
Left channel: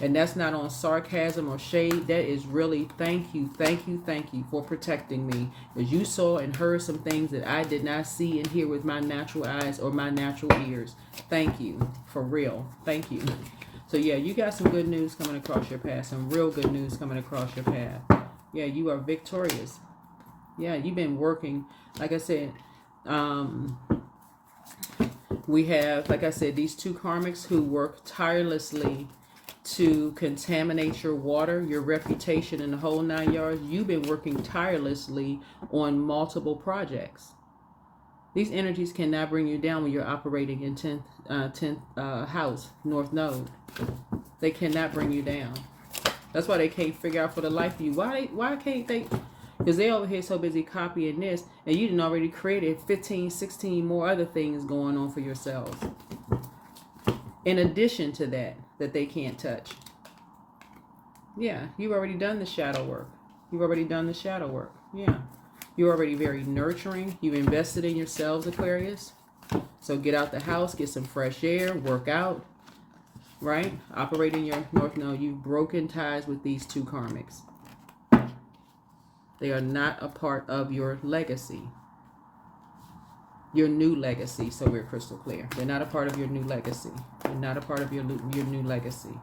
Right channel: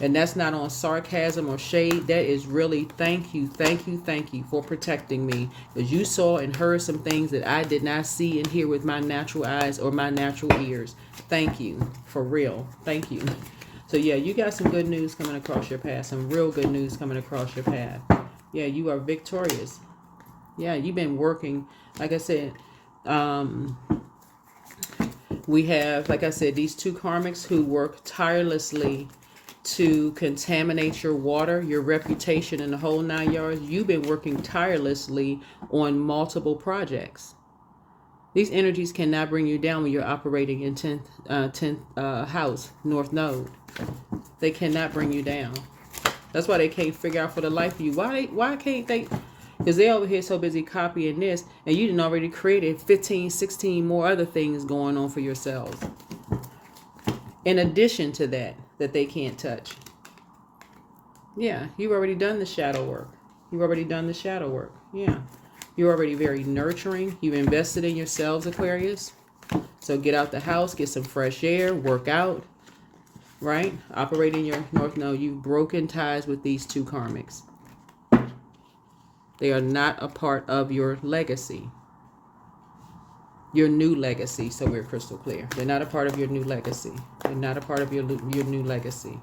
And that's not on sarcasm or shade. That is really thank you for protecting me. Because you saw and heard some things that I did not see and hear with my natural eyes or my natural ears. Thank you, for real. Thank you. So yeah, you got some good news coming across your path. Some real good news coming across your path. Yeah, you are victorious. Yeah, you've been working, like I said, we have, like I said, these two karmics who work tirelessly to contaminate your water, your reputation, and the whole 9 yards. You've been working tirelessly on multiple projects. These energies cannot bring you down when you're operating in 10th house, North Node. They cannot bring you down. That's why they can't figure out for the life of you. Why can't they? Because they over here so busy copying this, and you done already created 15, 16 more other things going on for yourselves. In addition to that they can't touch. Yeah, you've already done the shadow work. You've already done the shadow work. Yeah. You're already very nurturing. You've invested in yourselves, Aquarius. So get out the house, get some fresh air, work out, right? Operate in your North Node. You've broken ties with these two karmics. They are not a part of your legacy. Your new legacy, so we're crystal clear. They're not a part of your new legacy. They're not a part of your new legacy.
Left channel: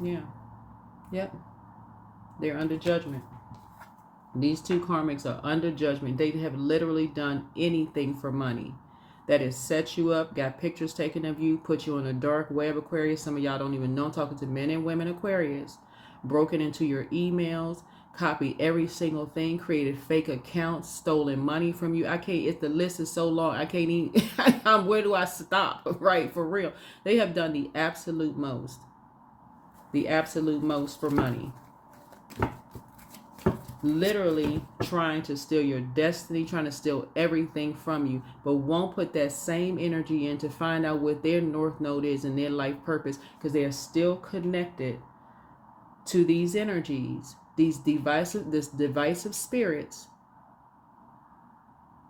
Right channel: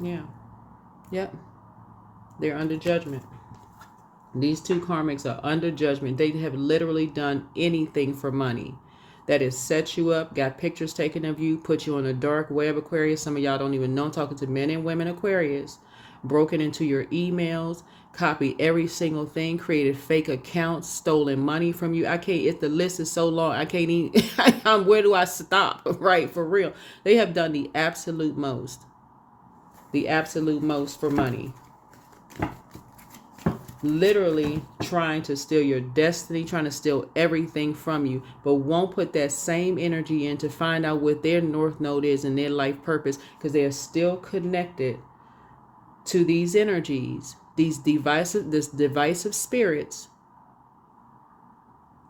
Yeah. Yep. They're under judgment. These two karmics are under judgment. They have literally done anything for money. That is set you up, got pictures taken of you, put you on a dark web, Aquarius. Some of y'all don't even know. I'm talking to men and women, Aquarius. Broken into your emails, copied every single thing, created fake accounts, stolen money from you. I can't, if the list is so long, I can't even, where do I stop? Right, for real. They have done the absolute most for money. Literally trying to steal your destiny, trying to steal everything from you, but won't put that same energy in to find out what their North Node is and their life purpose, because they are still connected to these energies, this divisive spirits.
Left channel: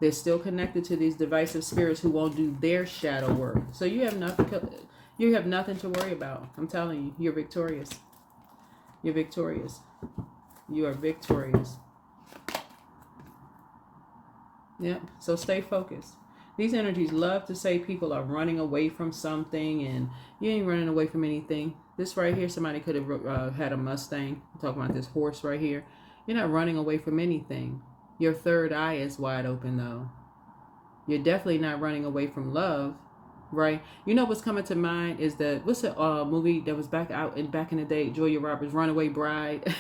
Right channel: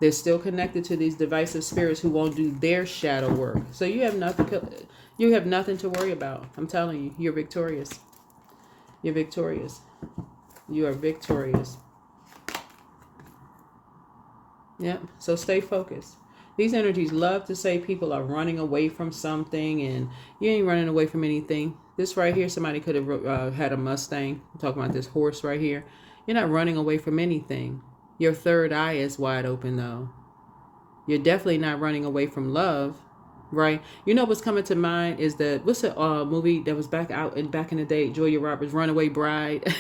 They're still connected to these divisive spirits who won't do their shadow work. So you have nothing to worry about. I'm telling you, you're victorious. You're victorious. You are victorious. Yeah, so stay focused. These energies love to say people are running away from something, and you ain't running away from anything. This right here, somebody could have had a Mustang. I'm talking about this horse right here. You're not running away from anything. Your third eye is wide open, though. You're definitely not running away from love, right? You know what's coming to mind is that, what's the movie that was back in the day, Julia Roberts, Runaway Bride?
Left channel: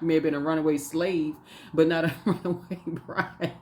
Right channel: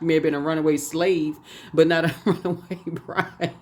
May have been a runaway slave, but not a runaway bride.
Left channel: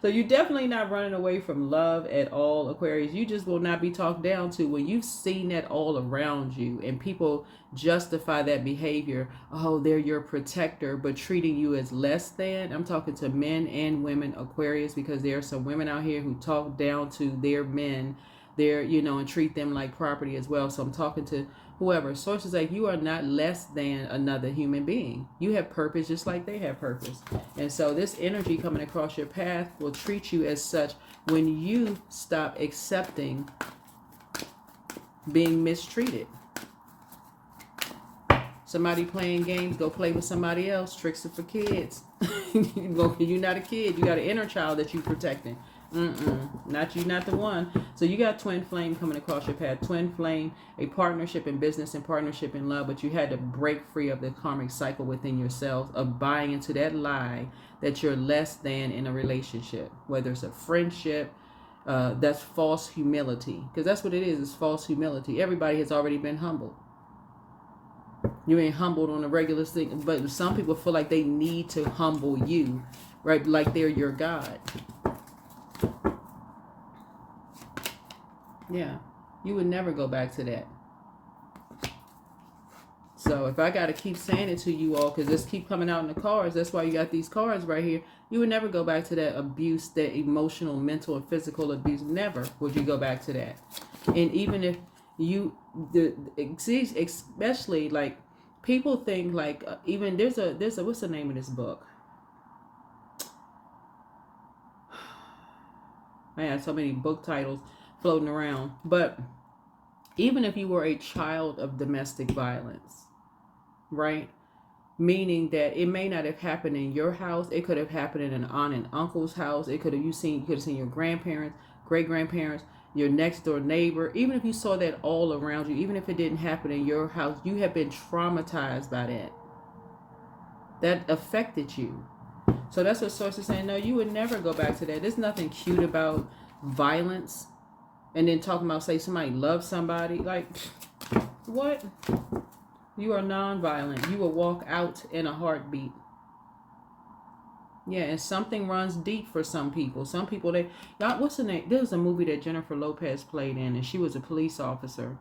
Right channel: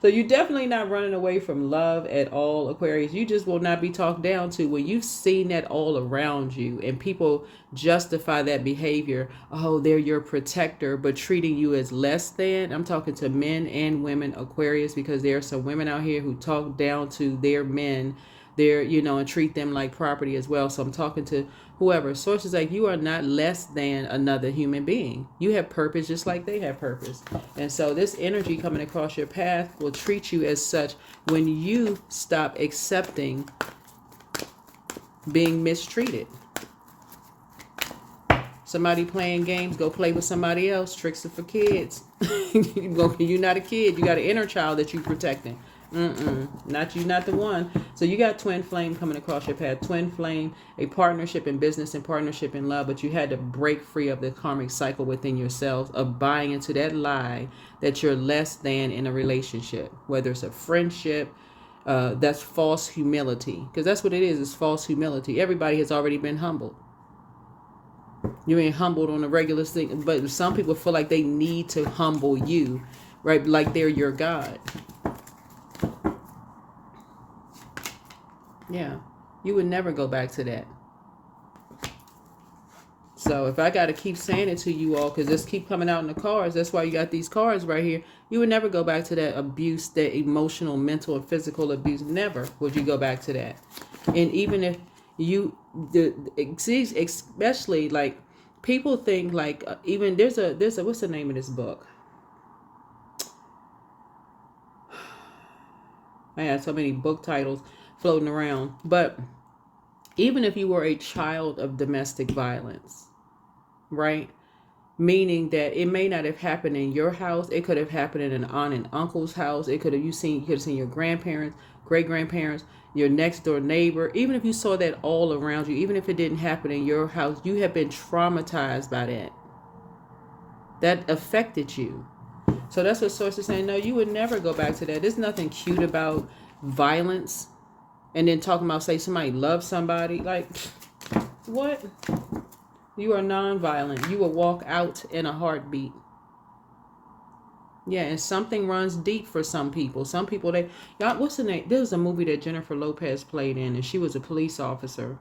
So you're definitely not running away from love at all, Aquarius. You just will not be talked down to when you've seen that all around you and people justify that behavior. Oh, they're your protector, but treating you as less than. I'm talking to men and women, Aquarius, because there are some women out here who talk down to their men, and treat them like property as well. So I'm talking to whoever. Sources like, you are not less than another human being. You have purpose just like they have purpose. And so this energy coming across your path will treat you as such when you stop accepting being mistreated. Somebody playing games, go play with somebody else. Tricks are for kids. You're not a kid. You got an inner child that you're protecting. Not you, not the one. So you got twin flame coming across your path. Twin flame, a partnership in business and partnership in love, but you had to break free of the karmic cycle within yourself of buying into that lie that you're less than in a relationship, whether it's a friendship. That's false humility, because that's what it is. It's false humility. Everybody has already been humbled. You ain't humbled on a regular thing, but some people feel like they need to humble you, right? Like they're your God. Yeah, you would never go back to that. So if I got to keep saying it to you all, because this keep coming out in the cards, that's why you got these cards right here. You would never go back to that abuse, that emotional, mental, and physical abuse. Never would you go back to that. And even if you, especially like People think like even there's a what's the name of this book? I had so many book titles floating around. But even if you were a child of domestic violence, right? Meaning that it may not have happened in your house. It could have happened in an aunt and uncle's house. It could have you could have seen your grandparents, great grandparents, your next door neighbor. Even if you saw that all around you, even if it didn't happen in your house, you have been traumatized by that. That affected you. So that's what sources saying. No, you would never go back to that. There's nothing cute about violence. And then talking about, say, somebody loves somebody. Like, what? You are non-violent. You will walk out in a heartbeat. Yeah, and something runs deep for some people. Some people, y'all, what's the name? There was a movie that Jennifer Lopez played in, and she was a police officer.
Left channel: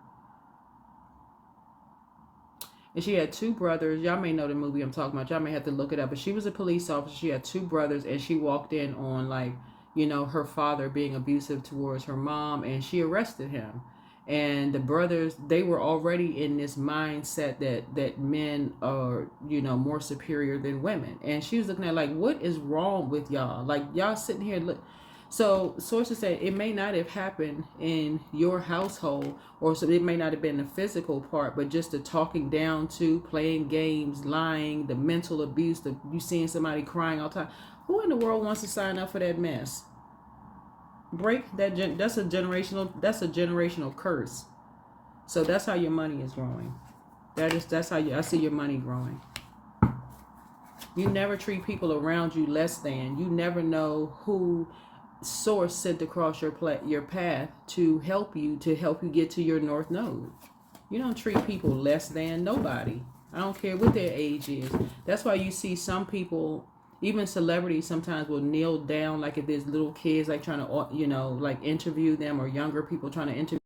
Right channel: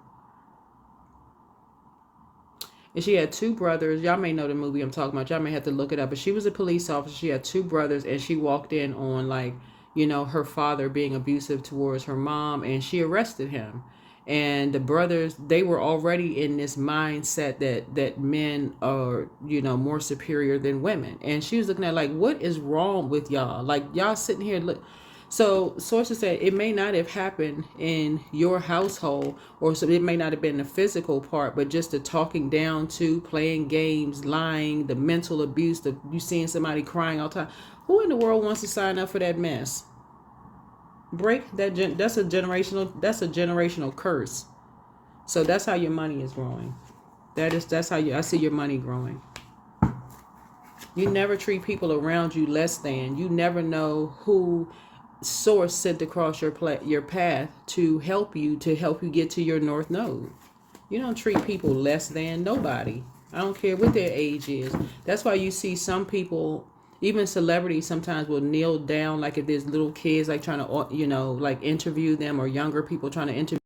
And she had two brothers. Y'all may know the movie I'm talking about. Y'all may have to look it up. But she was a police officer. She had two brothers, and she walked in on, like, you know, her father being abusive towards her mom, and she arrested him. And the brothers, they were already in this mindset that men are, you know, more superior than women. And she was looking at, like, what is wrong with y'all? Like, y'all sitting here, look. So sources said it may not have happened in your household, or so it may not have been the physical part, but just the talking down to, playing games, lying, the mental abuse, you seeing somebody crying all the time. Who in the world wants to sign up for that mess? Break that. That's a generational curse. So that's how your money is growing. That's how I see your money growing. You never treat people around you less than. You never know who source sent across your path to help you get to your north node. You don't treat people less than nobody. I don't care what their age is. That's why you see some people, even celebrities, sometimes will kneel down, like if there's little kids like trying to, you know, like interview them, or younger people trying to interview.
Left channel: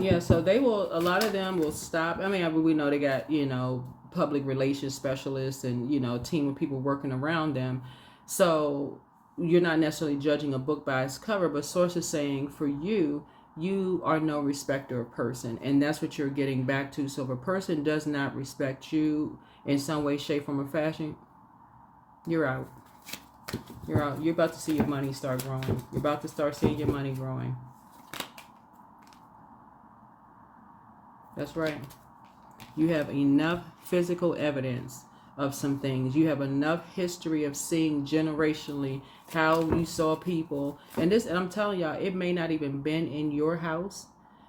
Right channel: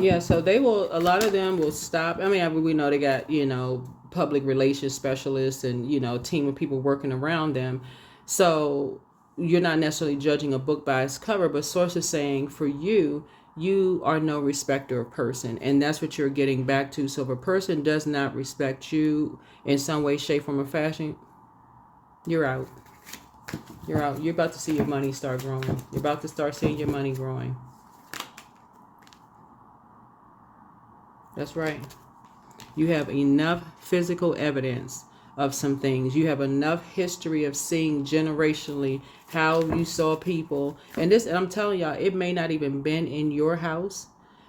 Yeah, so they will, a lot of them will stop. I mean, we know they got, you know, public relations specialists and, you know, a team of people working around them. So you're not necessarily judging a book by its cover, but sources saying for you, you are no respecter of person. And that's what you're getting back to. So if a person does not respect you in some way, shape, form, or fashion, you're out. You're out. You're about to see your money start growing. You're about to start seeing your money growing. That's right. You have enough physical evidence of some things. You have enough history of seeing generationally how you saw people. And I'm telling y'all, it may not even been in your house,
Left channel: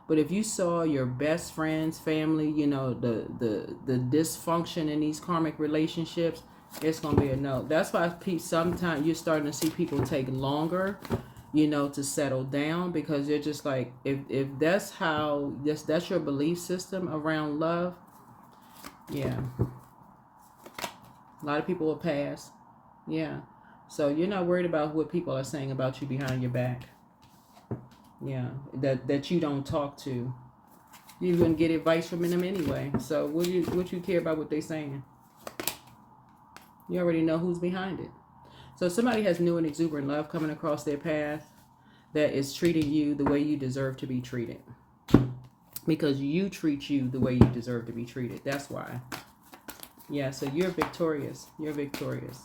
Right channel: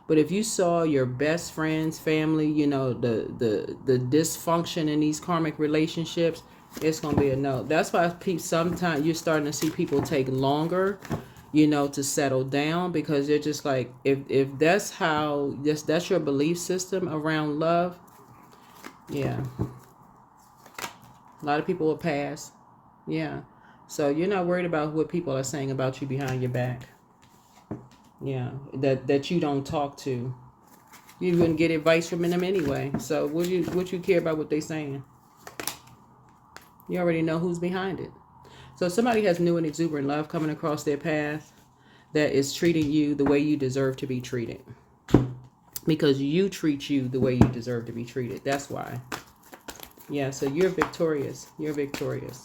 but if you saw your best friends, family, you know, the dysfunction in these karmic relationships, it's gonna be a no. That's why sometimes you're starting to see people take longer, you know, to settle down, because they're just like, if that's how that's your belief system around love, yeah. A lot of people will pass. Yeah. So you're not worried about what people are saying about you behind your back. Yeah. That you don't talk to. You wouldn't get advice from them anyway. So what you care about what they're saying? You already know who's behind it. So somebody has new and exuberant love coming across their path that is treating you the way you deserve to be treated. Because you treat you the way you deserve to be treated. That's why. Yeah, so you're victorious. You're victorious.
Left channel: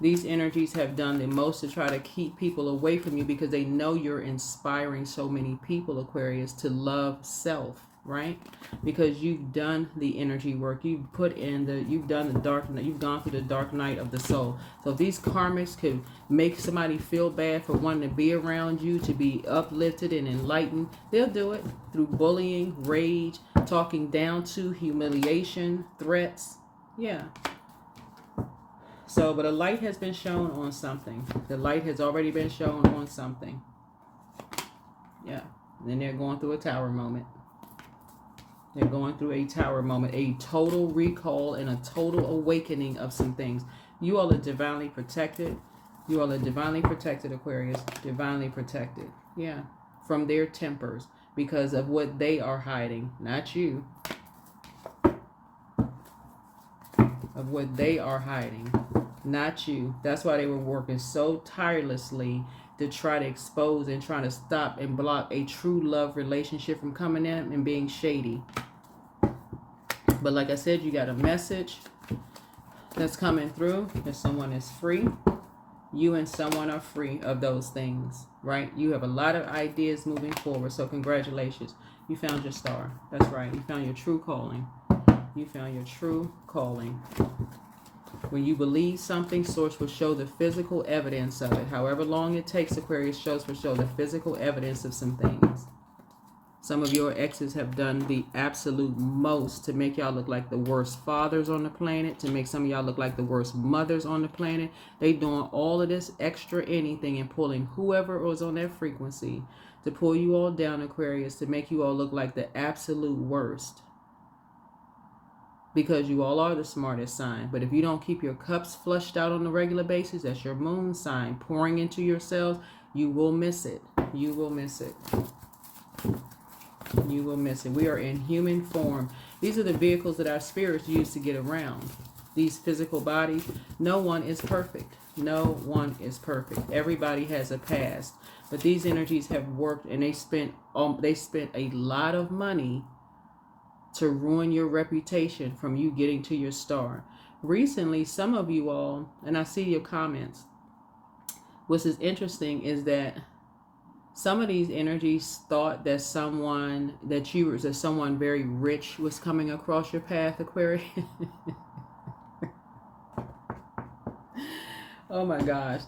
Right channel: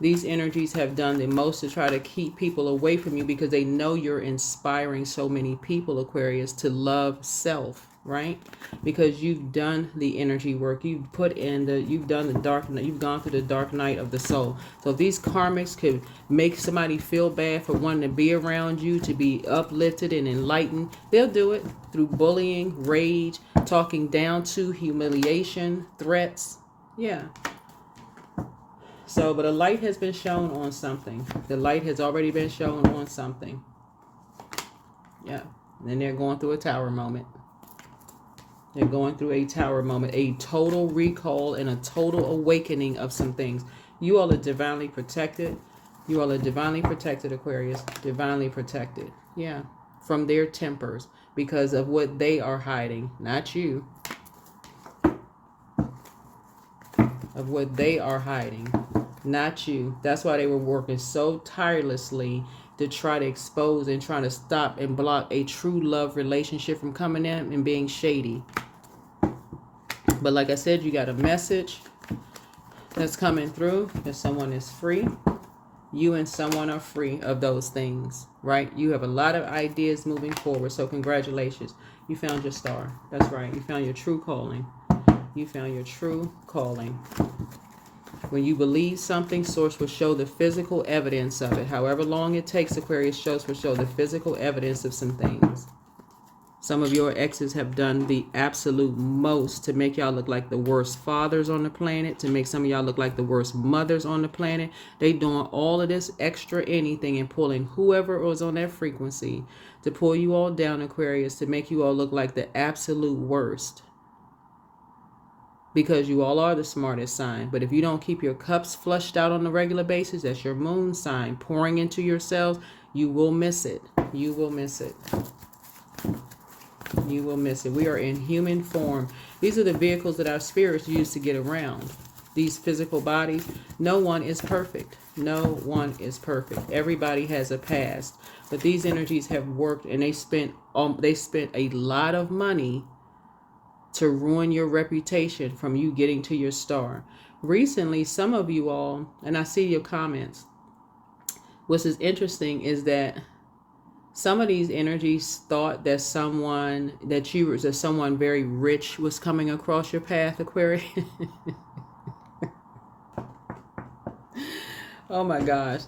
These energies have done the most to try to keep people away from you, because they know you're inspiring so many people, Aquarius, to love self, right? Because you've done the energy work. You've done the dark night. You've gone through the dark night of the soul. So if these karmics could make somebody feel bad for wanting to be around you, to be uplifted and enlightened, they'll do it through bullying, rage, talking down to, humiliation, threats. Yeah. So, but a light has been shown on something. The light has already been shown on something. Yeah. And then they're going through a tower moment. They're going through a tower moment, a total recall and a total awakening of some things. You all are divinely protected. You all are divinely protected, Aquarius. Divinely protected. Yeah. From their tempers, because of what they are hiding, not you. Of what they are hiding, not you. That's why they were working so tirelessly to try to expose and try to stop and block a true love relationship from coming in and being shady. But like I said, you got a message that's coming through that someone is free. You and someone are free of those things, right? You have a lot of ideas moving forward. So congratulations. You found your star. That's right. You found your true calling. You found your true calling. When you believe something, Source will show the physical evidence of it. However long it takes, Aquarius will show the physical evidence of some things. Some of your exes have done the absolute most to make y'all look like the worst fathers on the planet, to make some of y'all look like the worst mothers on the planet. They doing all of this extra anything and pulling whoever was on that frequency to pull you all down, Aquarius, to make you all look like the absolute worst. Because you all are the smartest sign. But if you don't keep your cups flushed out on a regular basis, that's your moon sign pouring into yourselves, you will miss it. You will miss it. You will miss it. We are in human form. These are the vehicles that our spirits use to get around. These physical bodies. No one is perfect. No one is perfect. Everybody has a past. But these energies have worked, and they spent a lot of money to ruin your reputation from you getting to your star. Recently, some of you all, and I see your comments, what is interesting is that some of these energies thought that someone very rich was coming across your path, Aquarius. Oh my gosh.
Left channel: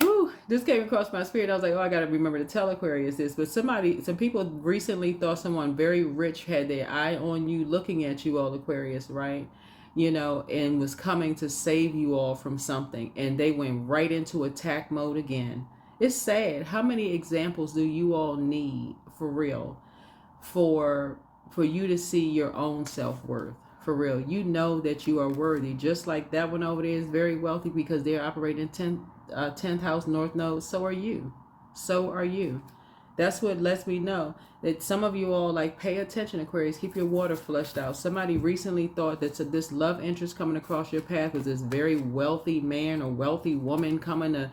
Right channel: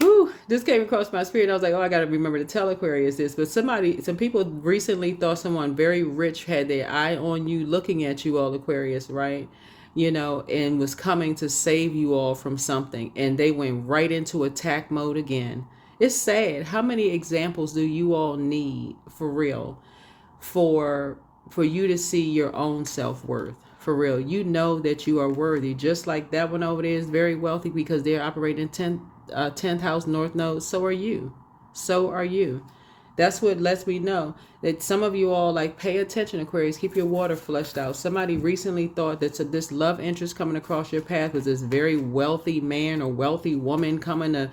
Whew, this came across my spirit. I was like, oh, I got to remember to tell Aquarius this. But some people recently thought someone very rich had their eye on you, looking at you all, Aquarius, right? And was coming to save you all from something. And they went right into attack mode again. It's sad. How many examples do you all need, for real, for you to see your own self-worth? For real, you know that you are worthy. Just like that one over there is very wealthy because they're operating 10th house North Node. So are you. So are you. That's what lets me know that some of you all, like, pay attention, Aquarius. Keep your water flushed out. Somebody recently thought that this love interest coming across your path was this very wealthy man or wealthy woman coming to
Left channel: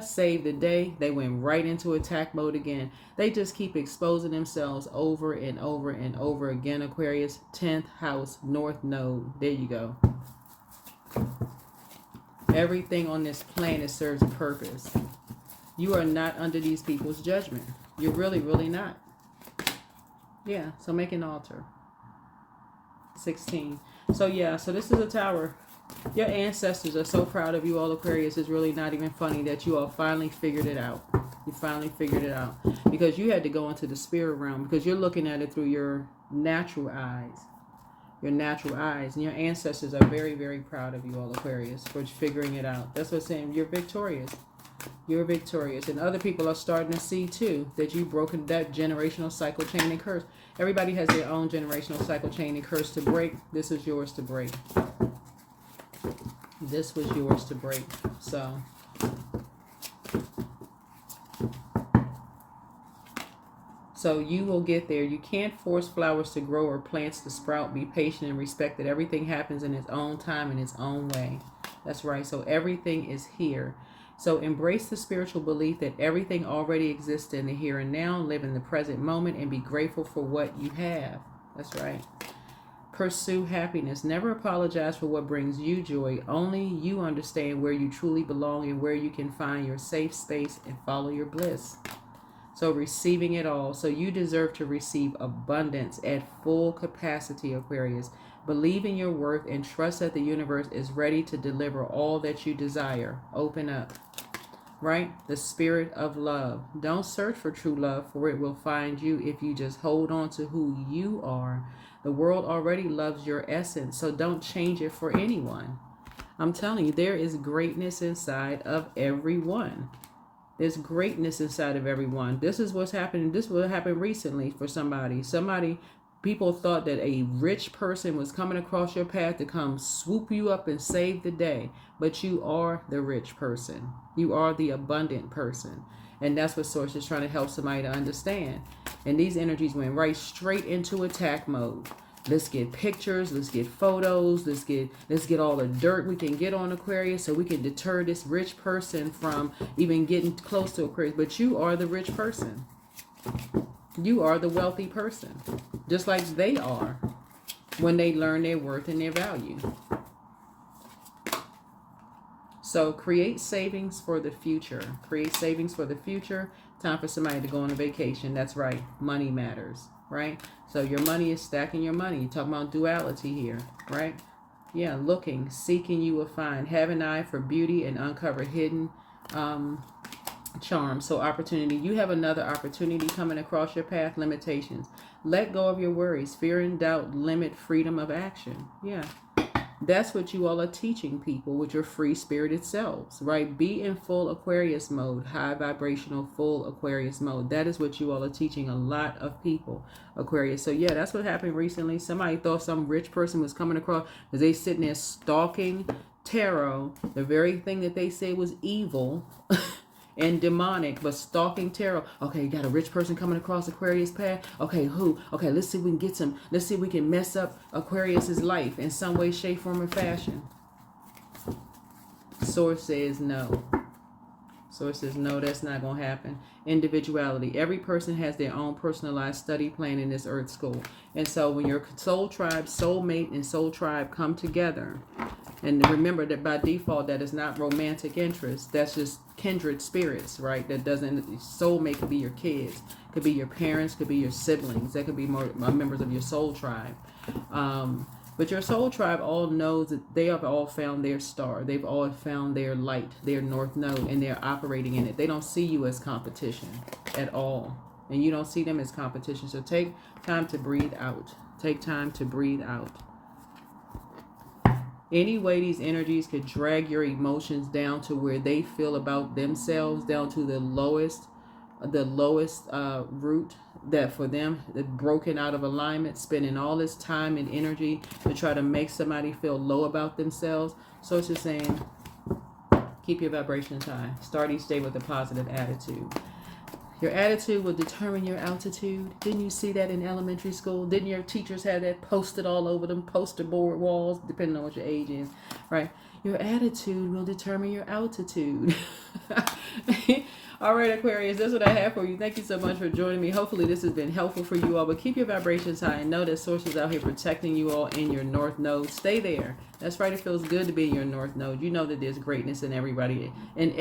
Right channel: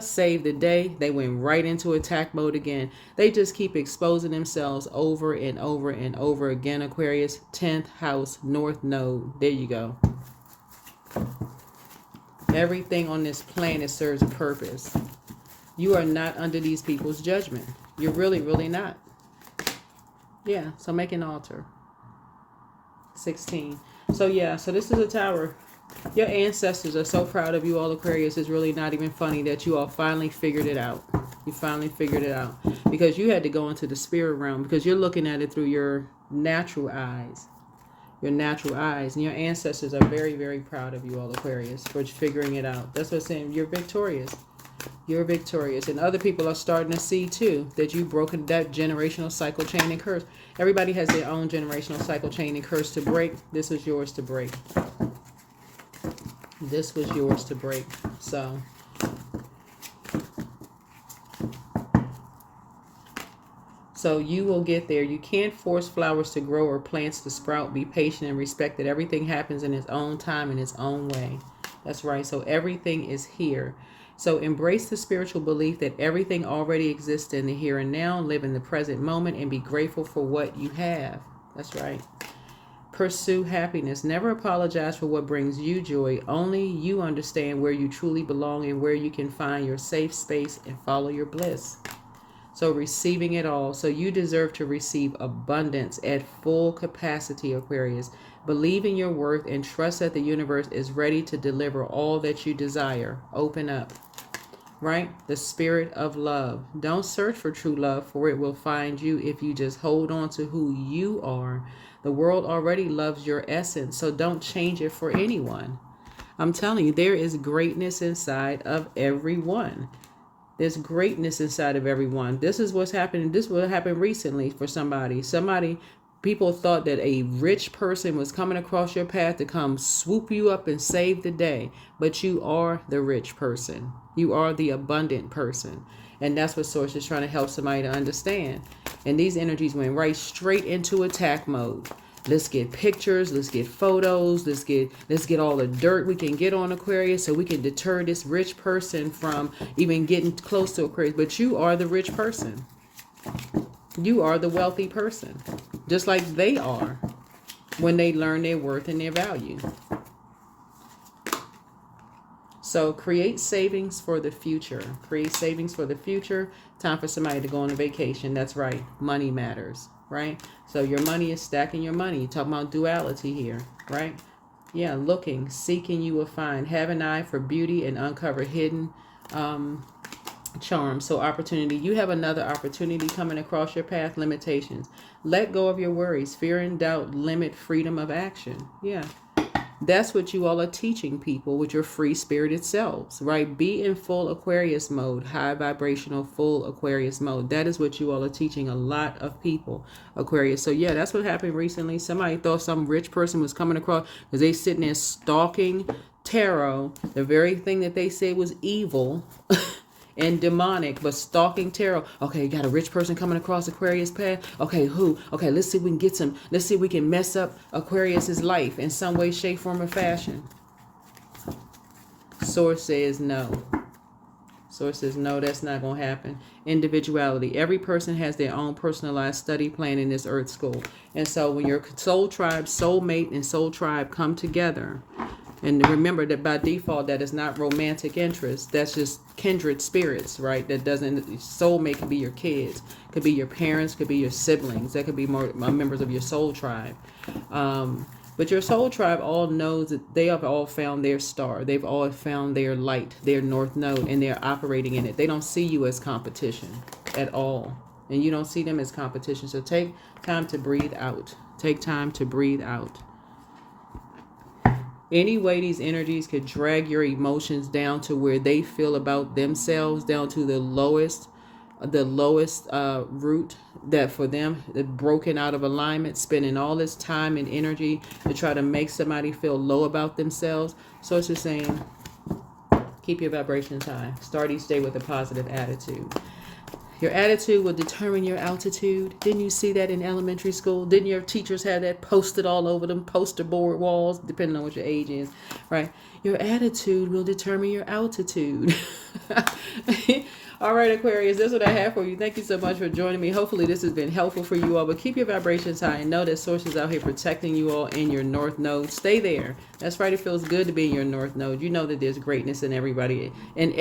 save the day. They went right into attack mode again. They just keep exposing themselves over and over and over again, Aquarius. 10th house North Node. There you go. Everything on this planet serves a purpose. You are not under these people's judgment. You're really, really not. Yeah, so make an altar. 16. So this is a tower. Your ancestors are so proud of you all, Aquarius. It's really not even funny that you all finally figured it out. You finally figured it out. Because you had to go into the spirit realm. Because you're looking at it through your natural eyes. Your natural eyes. And your ancestors are very, very proud of you all, Aquarius, for figuring it out. That's what I'm saying. You're victorious. You're victorious. And other people are starting to see, too, that you've broken that generational cycle, chain, and curse. Everybody has their own generational cycle, chain, and curse to break. This is yours to break. This was yours to break. So you will get there. You can't force flowers to grow or plants to sprout. Be patient and respect that everything happens in its own time, in its own way. That's right. So everything is here. So embrace the spiritual belief that everything already exists in the here and now. Live in the present moment and be grateful for what you have. That's right. Pursue happiness. Never apologize for what brings you joy. Only you understand where you truly belong and where you can find your safe space and follow your bliss. So receiving it all. So you deserve to receive abundance at full capacity, Aquarius. Believe in your worth and trust that the universe is ready to deliver all that you desire. Open up. Right? The spirit of love. Don't search for true love, for it will find you if you just hold on to who you are. The world already loves your essence, so don't change it for anyone. I'm telling you, there is greatness inside of everyone. There's greatness inside of everyone. This is what's happening. This will happen recently for somebody. People thought that a rich person was coming across your path to come swoop you up and save the day. But you are the rich person. You are the abundant person. And that's what Source is trying to help somebody to understand. And these energies went right straight into attack mode. Let's get pictures. Let's get photos. Let's get all the dirt we can get on Aquarius so we can deter this rich person from even getting close to Aquarius. But you are the rich person. You are the wealthy person. Just like they are. when they learn their worth and their value. So create savings for the future. Create savings for the future. Time for somebody to go on a vacation. That's right. Money matters, right? So your money is stacking your money. You're talking about duality here, right? Yeah, looking, seeking, you will find. Have an eye for beauty and uncover hidden charm. So opportunity. You have another opportunity coming across your path. Limitations. Let go of your worries. Fear and doubt limit freedom of action. Yeah. That's what you all are teaching people with your free spirited selves, right? Be in full Aquarius mode, high vibrational, full Aquarius mode. That is what you all are teaching a lot of people, Aquarius. So yeah, that's what happened recently. Somebody thought some rich person was coming across because they sitting there stalking tarot, the very thing that they say was evil and demonic, but stalking tarot. Okay, you got a rich person coming across Aquarius path. Okay, who? Okay, let's see if we can get some. Let's see if we can mess up Aquarius's life in some way, shape, form, or fashion. Source says no. Source says no, that's not going to happen. Individuality. Every person has their own personalized study plan in this earth school. And so when your soul tribe, soulmate, and soul tribe come together, and remember that by default, that is not romantic interest. That's just kindred spirits, right? That doesn't, soulmate could be your kids, could be your parents, could be your siblings. That could be more members of your soul tribe. But your soul tribe all knows that they have all found their star. They've all found their light, their north node, and they're operating in it. They don't see you as competition at all. And you don't see them as competition. So take time to breathe out. Take time to breathe out. Any way these energies could drag your emotions down to where they feel about themselves, down to the lowest root, that for them, broken out of alignment, spending all this time and energy to try to make somebody feel low about themselves. So it's just saying, keep your vibrations high. Start each day with a positive attitude. Your attitude will determine your altitude. Didn't you see that in elementary school? Didn't your teachers have that posted all over them, poster board walls, depending on what your age is, right? Your attitude will determine your altitude. All right, Aquarius, that's what I have for you. Thank you so much for joining me. Hopefully this has been helpful for you all, but keep your vibrations high and know that Source is out here protecting you all in your north node. Stay there. That's right. It feels good to be in your north node. You know that there's greatness in everybody, in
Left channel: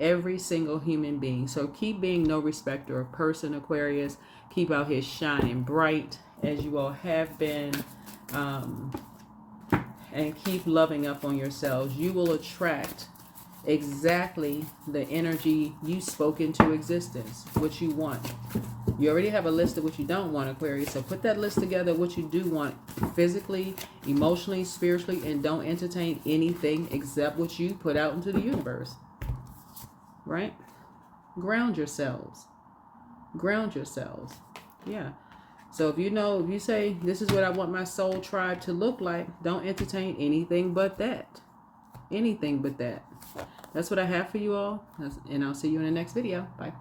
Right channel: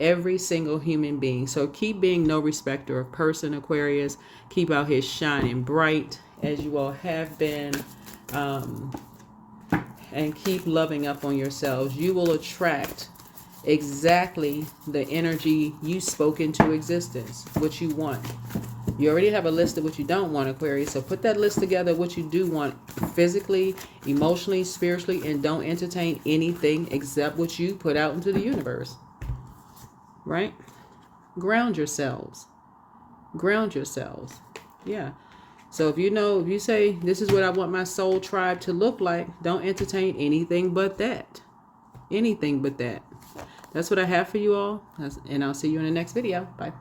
every single human being. So keep being no respecter of person, Aquarius. Keep out here shining bright as you all have been, and keep loving up on yourselves. You will attract exactly the energy you spoke into existence, what you want. You already have a list of what you don't want, Aquarius. So put that list together, what you do want physically, emotionally, spiritually, and don't entertain anything except what you put out into the universe. Right? Ground yourselves. Ground yourselves. Yeah. So if you say, this is what I want my soul tribe to look like, don't entertain anything but that. Anything but that. That's what I have for you all. And I'll see you in the next video. Bye.